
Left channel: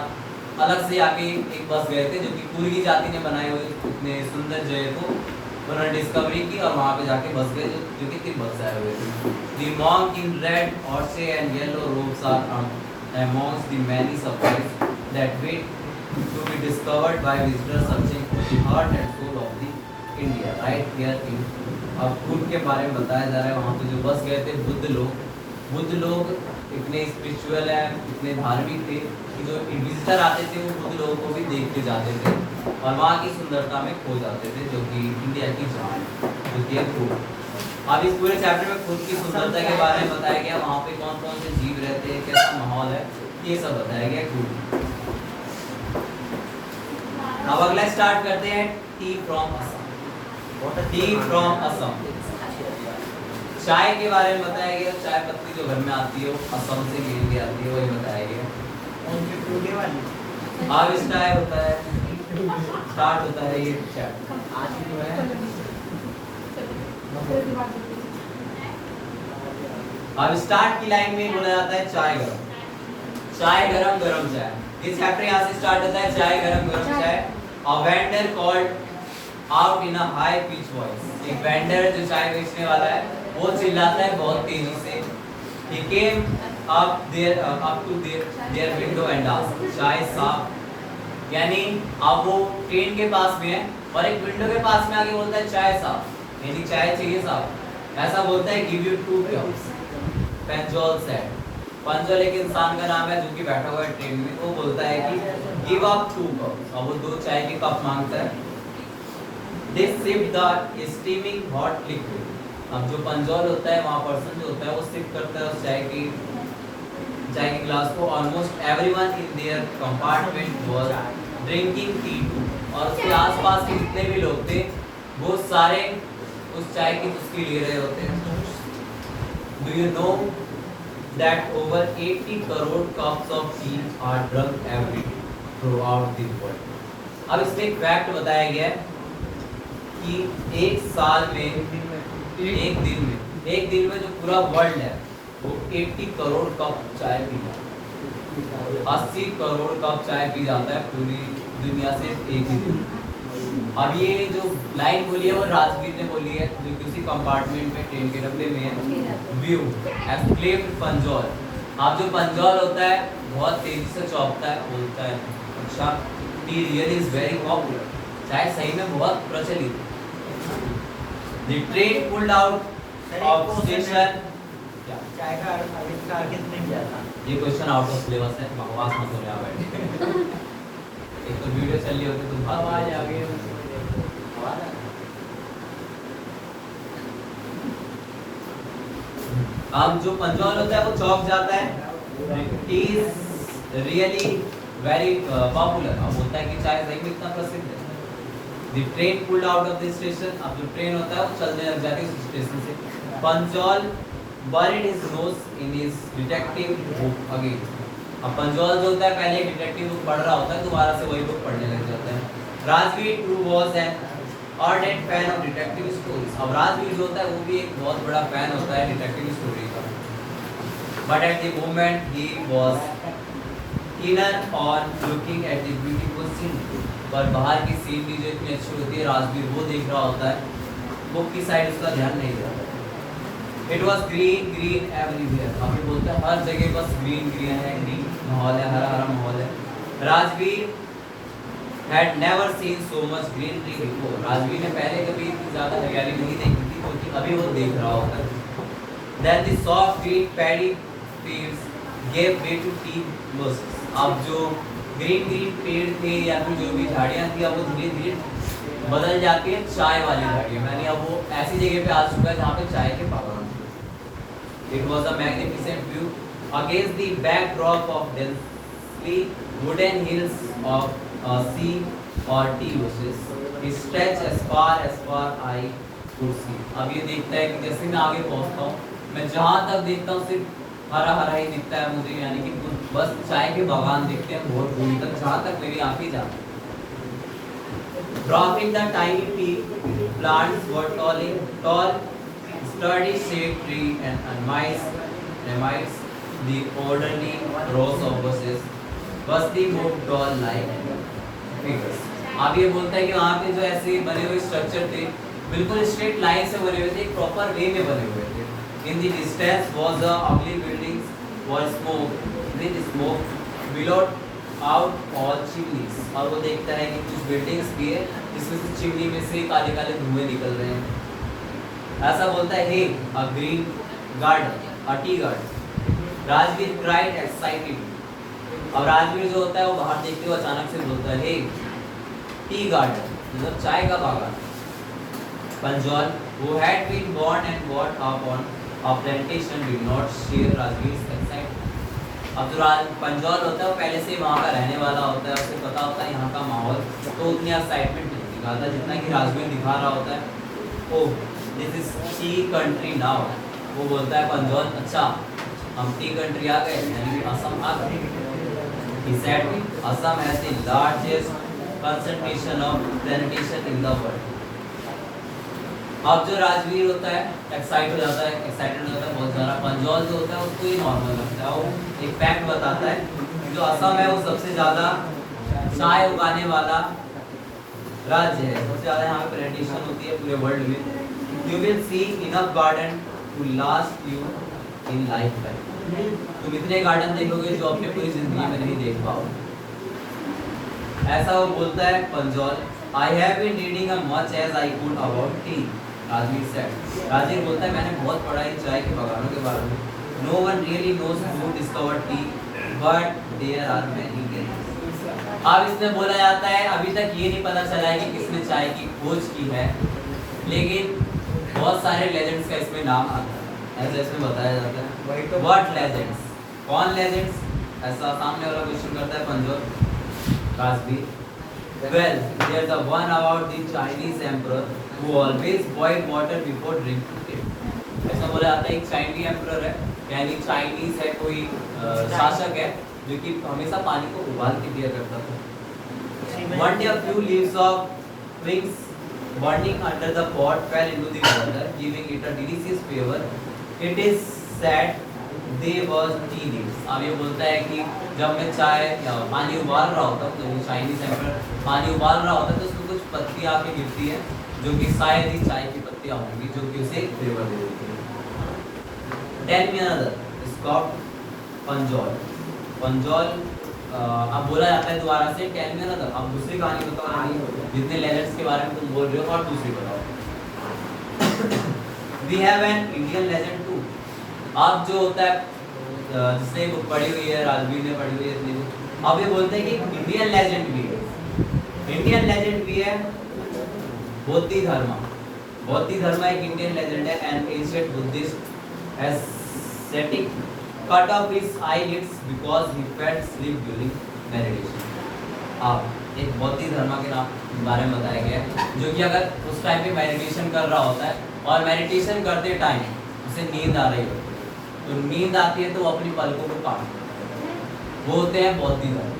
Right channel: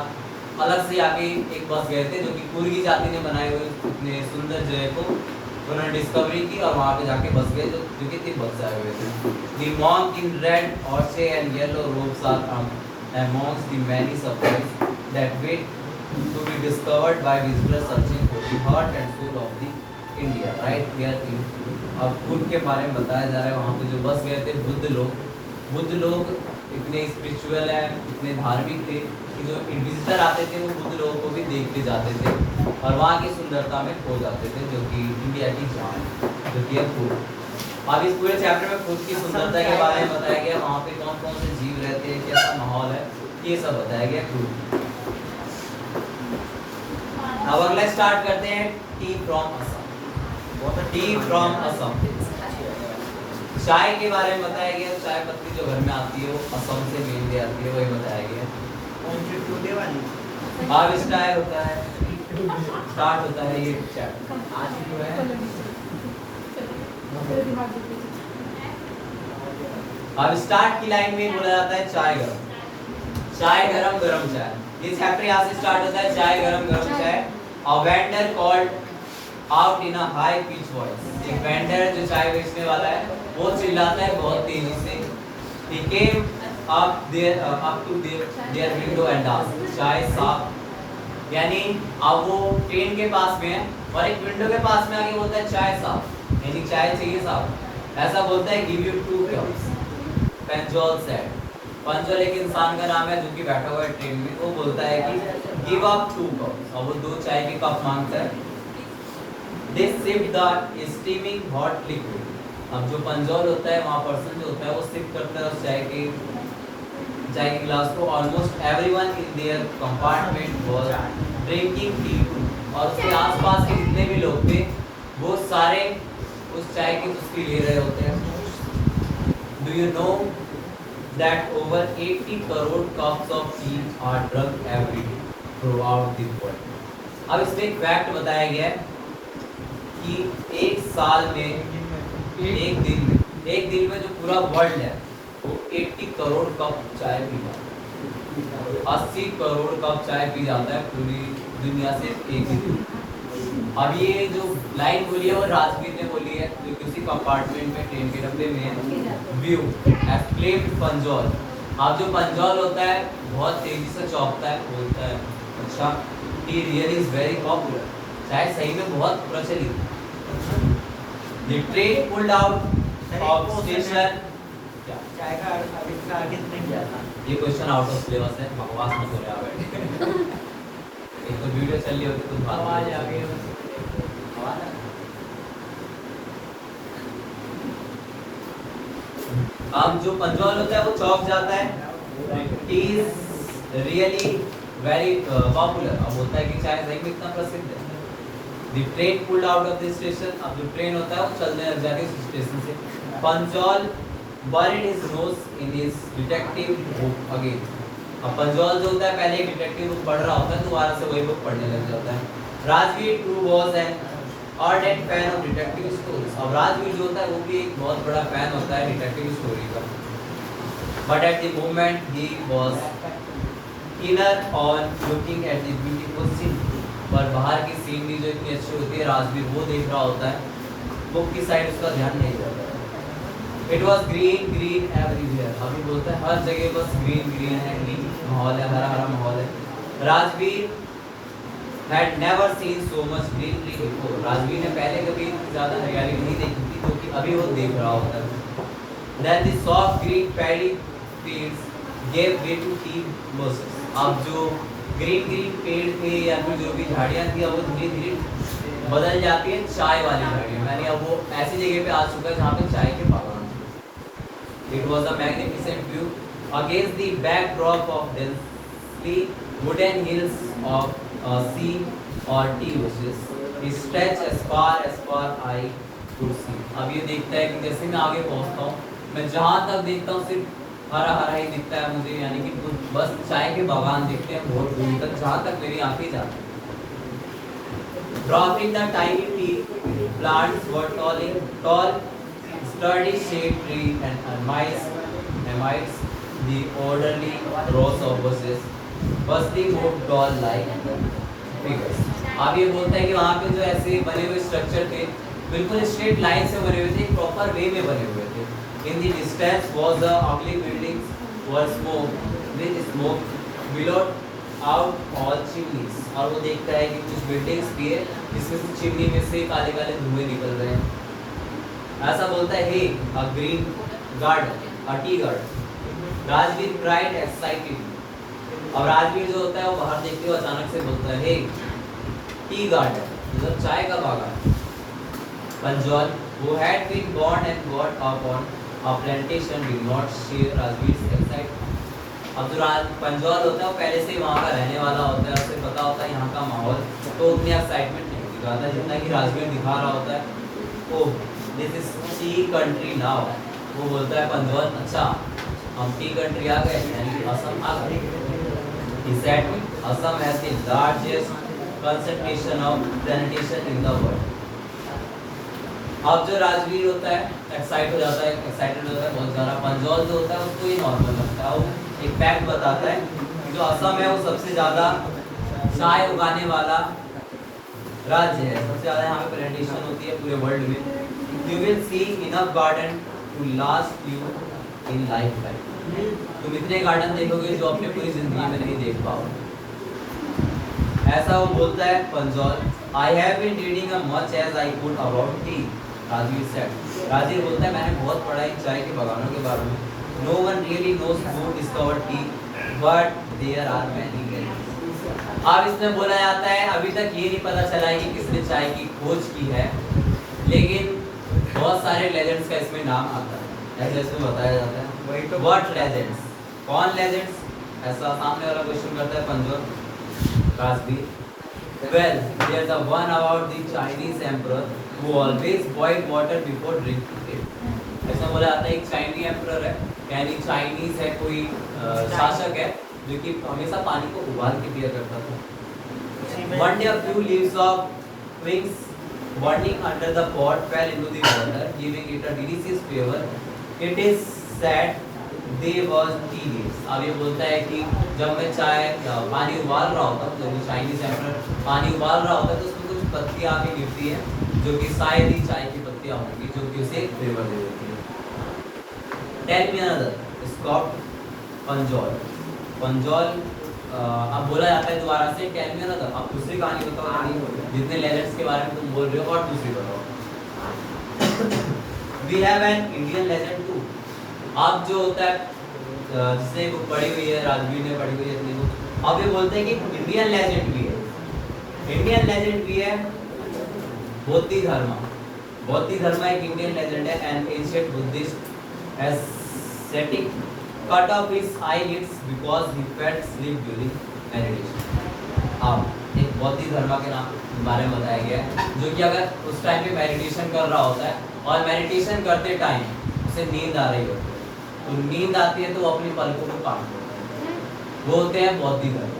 अलग से आके एक बस गए थे जो कि कुर्गी जाति ने बनाए हुए इतने सुंदर जगह को उन्होंने डिस्कवरी की और वहाँ पे जाके बस गए जो कि तिब्बत से आए हुए थे। द मॉन्क इन रेड ऑर्चे and yellow robes are amongst the many surprises that wait to be discovered by visitors searching for the heart and soul of the India right here in। अब कुर्ग के बारे में बताया जा रहा है, वहाँ पे जो बस गए थे बुद्ध लोग इतने स्पिरिचुअल है, इतने धार्मिक थे कि जो विजिटर आते थे वो बुद्ध लोगों को भी देखते जाते थे और वहाँ की सुंदरता में खो जाते थे, जो कि इंडिया की जान जो कि कुर्ग। अब इस पूरे चैप्टर में खुद की सुंदरता के बारे में बताया गया, वहाँ पे कौन कौन से जीव रहते हैं, कैसा माहौल है, ये सब बताया गया कुर्ग। अब अगला स्टार्ट करते हैं T from Assam. T from Assam, चाय के बारे में बताया गया, चाय पत्ती जो घर में आती है वो असम से मेनली आती है, वही बताया गया। अब स्टार्ट होता है ये चैप्टर। अब स्टार्ट की लाइन में बोला जाता है चाय गरम गरम चाय। ये चैप्टर यहाँ से स्टार्ट होता है, चाय गरम चाय। A vendor called out in a high pitched voice। एक वेंडर जो चाय बेचने वाला है वो चिल्लाता है बहुत तेजी से। He came up to their window and asked, चाय साफ। यानी अब वो ट्रेन के पास में है और एक विंडो के पास में आके बोलता है चाय साफ, यानी चाय चाहिए साफ। ऐसा बोलता है give you 2 cups। पंजोल said। पंजोल एक इंसान का नाम है जो कि बैठा हुआ है ट्रेन में, वो बोलता है कि give up 2 cups और वो 2 चाय के कप मांगता है। They sipped the steaming hot liquid। अब जो पंजोल होता है वहाँ पर्सन जो होता है वो सिप करता है उस चाय के ग्लास को। Almost everyone in there compartment was drinking tea too. और उसके आसपास के जितने भी लोग थे वो सारे उस चाय की चुस्की ले रहे होते हैं। Do you know that over 80 crore cups of T R drunk every day throughout the world. अब इसमें एक फैक्ट बताया गया है कि एक साल में एक दिन में जो पूरा वर्ल्ड है वो 80 करोड़ कप चाय पीता है। 80 करोड़ कप चाय पी जाता है पूरी दुनिया से एक ही दिन। अब ये जो लाइन बोली है वो राजवीर ने बोली है जो किसी कंपार्टमेंट में ट्रेन के डब्बे में व्यू एस्क्लेम्ड पंजोल। अब जो पंजोल होता है बहुत तेजी से चौंकता है, बोलता है अच्छा T really is very popular. चाय सही में बहुत प्रचलित है। The train pulled out of station चाय का इसका आगे नहीं जाता। ये क्वेश्चन आउट ऑफ सिलेबस है, बकवास मत कर रहा है। एक तो वीडियो चल रही हो तो तुम आवाज आ गई। आवाज आ गई। अब जो पंजौल होता है वो चौक जाता है, इज रियली वेरी पॉपुलर। अब होता है कि चाय सही में इतना प्रसिद्ध है। The train pulled out of the station, अब जो ट्रेन होता है वो चलने लग जाती है उस स्टेशन से। पंजौल buried his nose in his detective book again। अब पंजौल जो होता है पहले डिटेक्टिव बुक पढ़ रहा होता है, दोबारा से वही बुक पढ़ने लग जाता है। Rajveer too was an ardent fan of detective stories। अब राजवीर जो होता है वो भी एक बहुत बड़ा फैन होता है डिटेक्टिव स्टोरी का। But at the moment he was keener on looking at the beautiful scene। पर बाहर की सीन भी जो इतनी अच्छी होती है, राजवीर वो देख रहा होता है, बुक की साइड उसका ध्यान नहीं जाता है। It was green green everywhere. अभी बोलता है हर जगह बस ग्रीन ग्रीन है, ग्रीन माहौल है, हरा हरा माहौल है। Rajveer had never seen so much greenery before। Rajveer ने पहले कभी ज़्यादा हरियाली नहीं देखी थी, क्योंकि अभी वो देख रहा होता है। Then the soft green paddy fields gave way to tea bushes। अब जो ग्रीन ग्रीन पेड़ थे या फिर जो भी झाड़ियाँ थी, अब वो धीरे धीरे बदल जाती है चाय वाली झाड़ियाँ। यानी अब वो ऐसी जगह पे आ चुका है जहाँ पे चाय के बागान थे। It was a magnificent view against the backdrop of densely wooden hills of sea or tea bushes which stretch as far eye could see। अब ये देखता है कि जैसे मैं आगे पहुँचता हूँ, मैं जहाँ तक देखता हूँ सिर्फ हरा हरा ही दिखता है मुझे, यानी कि बस चाय के बागान दिखते हैं बहुत दूर तक, जहाँ तक मेरी आंखें जाती हैं। Dropping the tiny tea plants were tall, sturdy shade tree and amidst the orderly rows of bushes, bustling moved doll-like figures। अब ये बोलता है कि वहाँ पे जो ऐसे बने हुए स्ट्रक्चर थे, बिल्कुल स्ट्रेट लाइन से बने हुए थे, एक प्रॉपर वे में बने हुए थे। In the distance was the ugly buildings were smoke billowed out all chimneys। और वो देखता है कि कुछ बिल्डिंग्स भी है जिसमें से चिमनी में से काले काले धुएं निकल रहे हैं। ऐसा बोलता है hey a green garden a tea garden. Rajveer cried excited. अब राजवीर जो होता है वो बाहर देखते हुए अचानक से बोलता है हे टी गार्डन, मतलब चाय का बागान। पंजौल who had been born and brought up on a plantation did not share Rajveer's excitement। अब जो पंजौल होता है वो पहले से वहाँ का रहने वाला होता है, उसे पता होता है यहाँ का माहौल, तो उतनी एक्साइटमेंट नहीं दिखाता जितना कि राजवीर दिखा रहा होता है। Oh this is T country now. वो बोलता है पंजौल अच्छा हम टी कंट्री आ गए, यानी कि असम आ गए। He said Assam has the largest concentration of plantation in the world। अब जो राजवीर होता है एक्साइटेड हो जाता है बहुत ज़्यादा। पंजौल जो होता है उसको ही नॉर्मल लगता है। वो एक फैक्ट बताता है जो असम है वो सबसे ज़्यादा चाय उगाने वाला राज्य है, सबसे ज़्यादा यहाँ पे प्लांटेशन होती है पूरे वर्ल्ड में। You will see enough garden to last you in lifetime. तुम इतने गार्डन देखोगे जो अपने पूरी ज़िंदगी में नहीं देख पाओगे। ऐसा वो बोलता है पंजौल। I have been reading much as I could about tea. Rajveer said. Rajveer बोलता है मैंने बहुत पढ़ा है चाय के बागानों के बारे में। No one really knows who discovered tea but there are many legends. अब इसमें बोला जाता है अभी तक ये नहीं पता चला है कि किसने चाय की खोज की है, लेकिन बहुत सारे लेजेंड्स का इसमें नाम आता है, ऐसे इसमें बताया जाता है। व्हाट लेजेंड्स, कौन लेजेंड्स, ऐसा सामने वाला क्वेश्चन करता है पंजौल Rajveer. Well, there's the one about the Chinese emperor who always boiled water before drinking it। ऐसा बोला जाता है एक चाइनीज एम्परर है, यानी चाइनीज है कोई शासक है जो कि हमेशा पानी को उबाल के पिया करता था। One day a few leaves of twigs burning under the pot fell into the water, giving it a delicious flavor। It is said they was tea leaves। अब ये बोलता है कि जब मैं चाय पानी उबाल रहा होता हूँ, तो चाइनीज एम्परर पानी उबाल रहा होता है तो उसमें कुछ पत्तियाँ आके गिरती है जो कि शायद ही चाय की पत्तियाँ होंगी जो कि उसे फ्लेवर दे देती है। टेल मी अनदर स्कॉट पंजौल। पंजौल अब बोला जाता है दोबारा से टेल मी अनदर। अब दूसरी कहानी बताओ, जितने लेजेंड्स के बारे में तुम बोल रहे हो और दूसरी बताओ। We have an Indian legend too. अब जो होता है जिसने बुक पढ़ी हुई है, राजवीर ने पढ़ी हुई है इसलिए अब ये बोलते हैं कि इंडियन लेजेंड भी है, इंडियन लेजेंड भी है बौद्ध धर्म। बौद्ध धर्म एक इंडियन लेजेंड है। N ancient Buddhist ascetic cut off his eyelids because he felt sleep during meditation। अब एक बौद्ध धर्म के नाम बारे में बताया गया है, जो कि अगर उस टाइम पे मेडिटेशन कर रहा होता है और मेडिटेशन करते टाइम उसे नींद आ रही होती है, तो नींद आती है तो वो अपनी पलकों को काट देते हैं, वो होते हैं बौद्ध धर्म।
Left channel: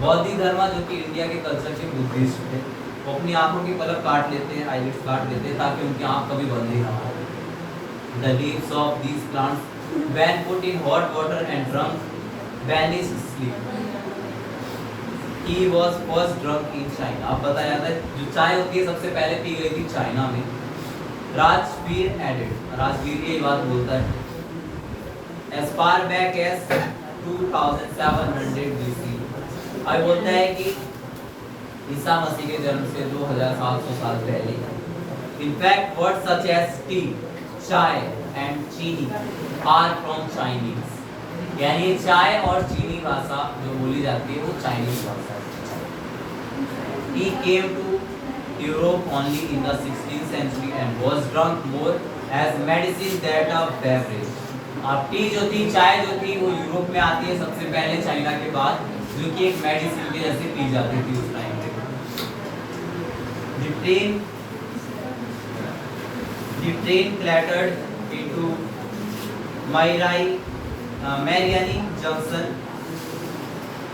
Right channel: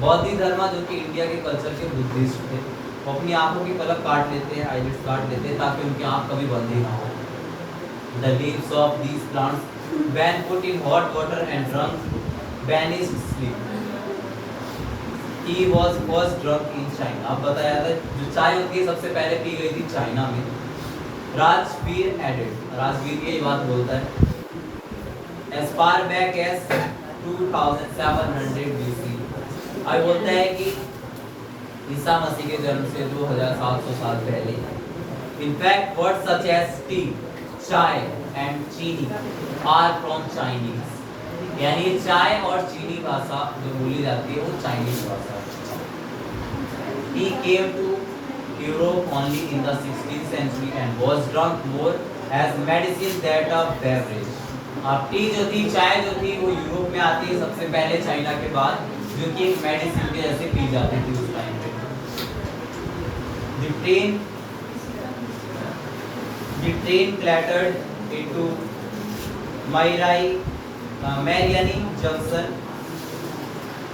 बौद्ध धर्म जो कि इंडिया के कल्चर के बुद्धिस्ट थे, वो अपनी आंखों की पलक काट लेते हैं, आईलिड्स काट देते हैं ताकि उनकी आंख कभी बंद ही ना हो। The leaves of these plants, when put in hot water and drunk, banished sleep। Tea was first drunk in China। अब बताया जाता है जो चाय होती है सबसे पहले पी गई थी चाइना में। राजवीर added, राजवीर की बात बोलता है, as far back as 2700 BC। अब बोलता है कि ईसा मसीह के जन्म से 2700 साल पहले। In fact, words such as tea, chai and चीनी are from Chinese। यानी चाय और चीनी भाषा जो बोली जाती है वो चाइनीज भाषा। He came to Europe only in the 16th century and was drunk more as medicine than a beverage। अब टी जो थी, चाय जो थी, वो यूरोप में आती है सबसे पहले चाइना के बाद, जो कि एक मेडिसिन के जैसे पी जाती थी उस टाइम पे। The train clattered into Mariani Junction।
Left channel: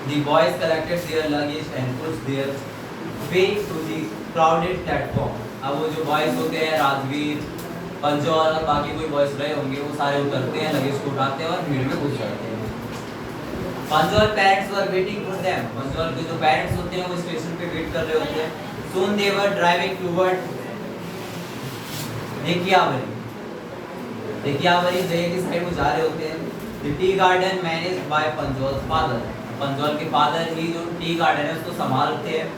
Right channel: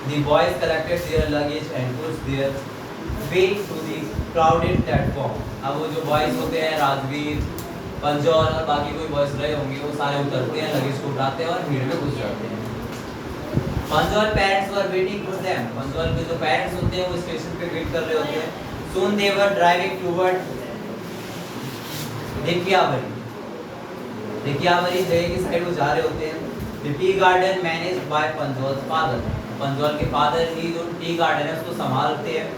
The boys collected their luggage and pushed their way to the crowded platform। अब वो जो बॉयज होते हैं, राजवीर, पंजौर और बाकी कोई बॉयज रहे होंगे, वो सारे उतरते हैं, लगेज को उठाते हैं और भीड़ में घुस जाते हैं। Panjaur parents were waiting for them. Panjaur के जो पेरेंट्स होते हैं वो स्टेशन पे वेट कर रहे होते हैं। Soon they were driving toward देखियावरी। देखियावरी जगह की साइड वो जा रहे होते हैं। The tea garden managed by Panjaur father. Panjaur के फादर ही जो टी गार्डन है उसको संभालते हैं।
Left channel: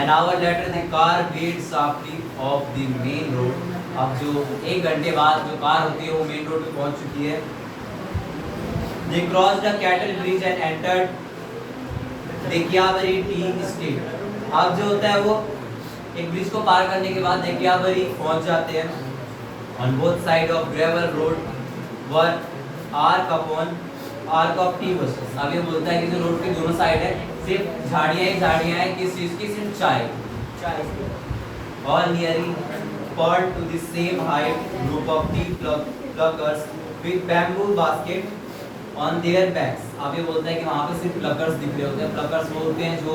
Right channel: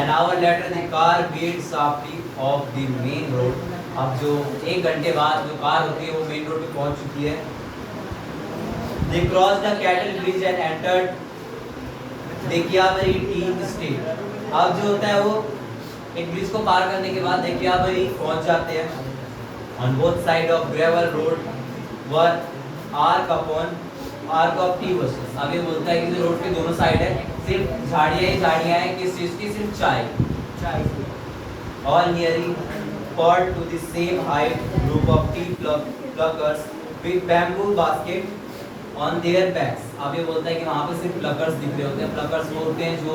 An hour later the car veered sharply off the main road। अब जो एक घंटे बाद जो कार होती है वो मेन रोड पे पहुंच चुकी है। They crossed the cattle bridge and entered Dekhiyabari tea estate. अब जो होता है वो एक ब्रिज को पार करने के बाद देखियावरी पहुंच जाते हैं। On both side of gravel road were arc of tea bushes। अब ये बोलता है कि जो रोड के दोनों साइड है सिर्फ झाड़ियाँ ही झाड़ियाँ हैं, किस चीज़ की? सिर्फ चाय। All nearing poured to the same height group of tea pluckers with bamboo basket on their backs। अब ये बोलता है कि वहाँ पे सिर्फ प्लकर्स दिख रहे होते हैं। प्लकर्स वो होते हैं जो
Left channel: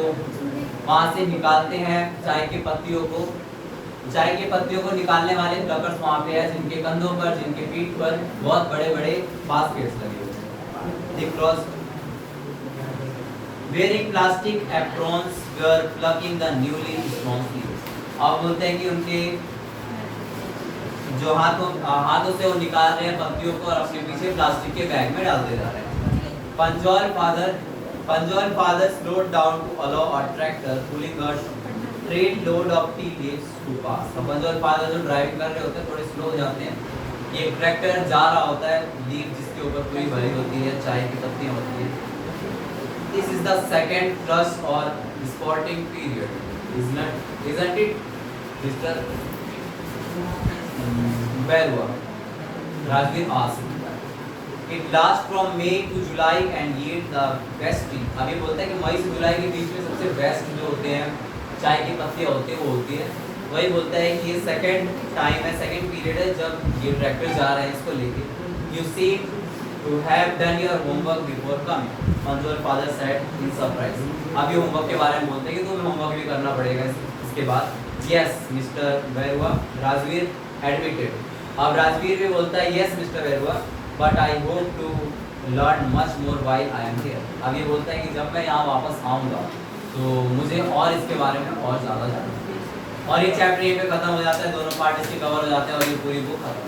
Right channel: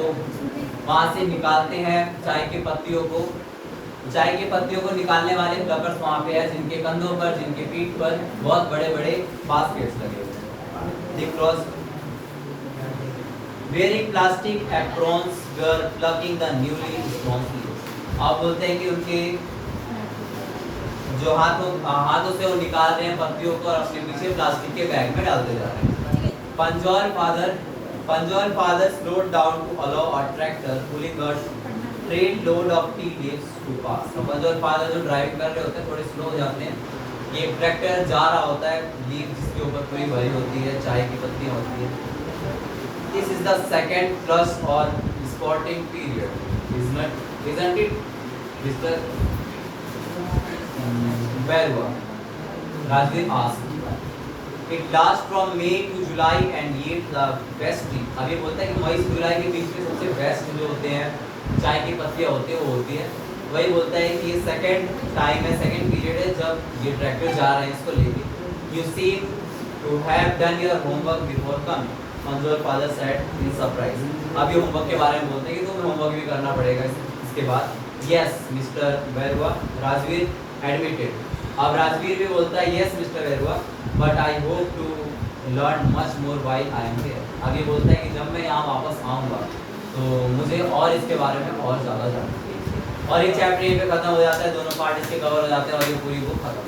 वहाँ से निकालते हैं चाय की पत्तियों को। चाय की पत्तियों को निकालने वाले प्लकर्स वहाँ पे हैं, जिनके कंधों पर, जिनके पीठ पर बहुत बड़े बड़े बास्केट्स लगे होते हैं। They crossed wearing plastic aprons were plucking the newly grown leaves। अब बोलते हैं कि उनके जो हाथों से वो निकाल रहे हैं पत्तियों को और अपने पीछे प्लास्टिक के बैग में डालते जा रहे हैं। Pinjore father slowed down to allow a tractor pulling a train load of tea leaves to pass। तो पंजौर फादर जो ड्राइव कर रहे होते हैं थोड़े स्लो हो जाते हैं। एक ट्रैक्टर जा रहा होता है, लीफ जिसके ऊपर पूरी भरी होती है, चाय की पत्तियां होती है। This is the second flush or spotting period, isn't it, Mr. Berua? Rajveer asked। It lasts from May to July and yields the best tea। अब ये बोलता है कि मई से जुलाई के बीच में सबसे बेस्ट जो होते हैं चाय की पत्तियां होती है वो होती है। वही बोलता है कि ये सेकंड टाइम है, सेकंड पीरियड है जब ये ट्रैक्टर जा रहा है इसको लेके। You seem to have done your homework before coming, Manzoor father said in surprise। अब ये होमवर्क के बारे में बोलते हैं कि तुम्हें होमवर्क भी करना पड़ेगा इसके बाद। Yes, Mr. Berua, Rajveer admitted। अब राजवीर भी बोलता है yes, Mr. Berua, but I hope to learn much more while I am here। अब ये बोलता है कि जब मैं यहाँ वापस आऊँगा तो मुझे और इसके बारे में और ज़्यादा जानना है। और ये चैप्टर ये पे खत्म हो जाता है, दोनों पार्ट इसके कवर हो जाते हैं और ये पूरी बुक खत्म।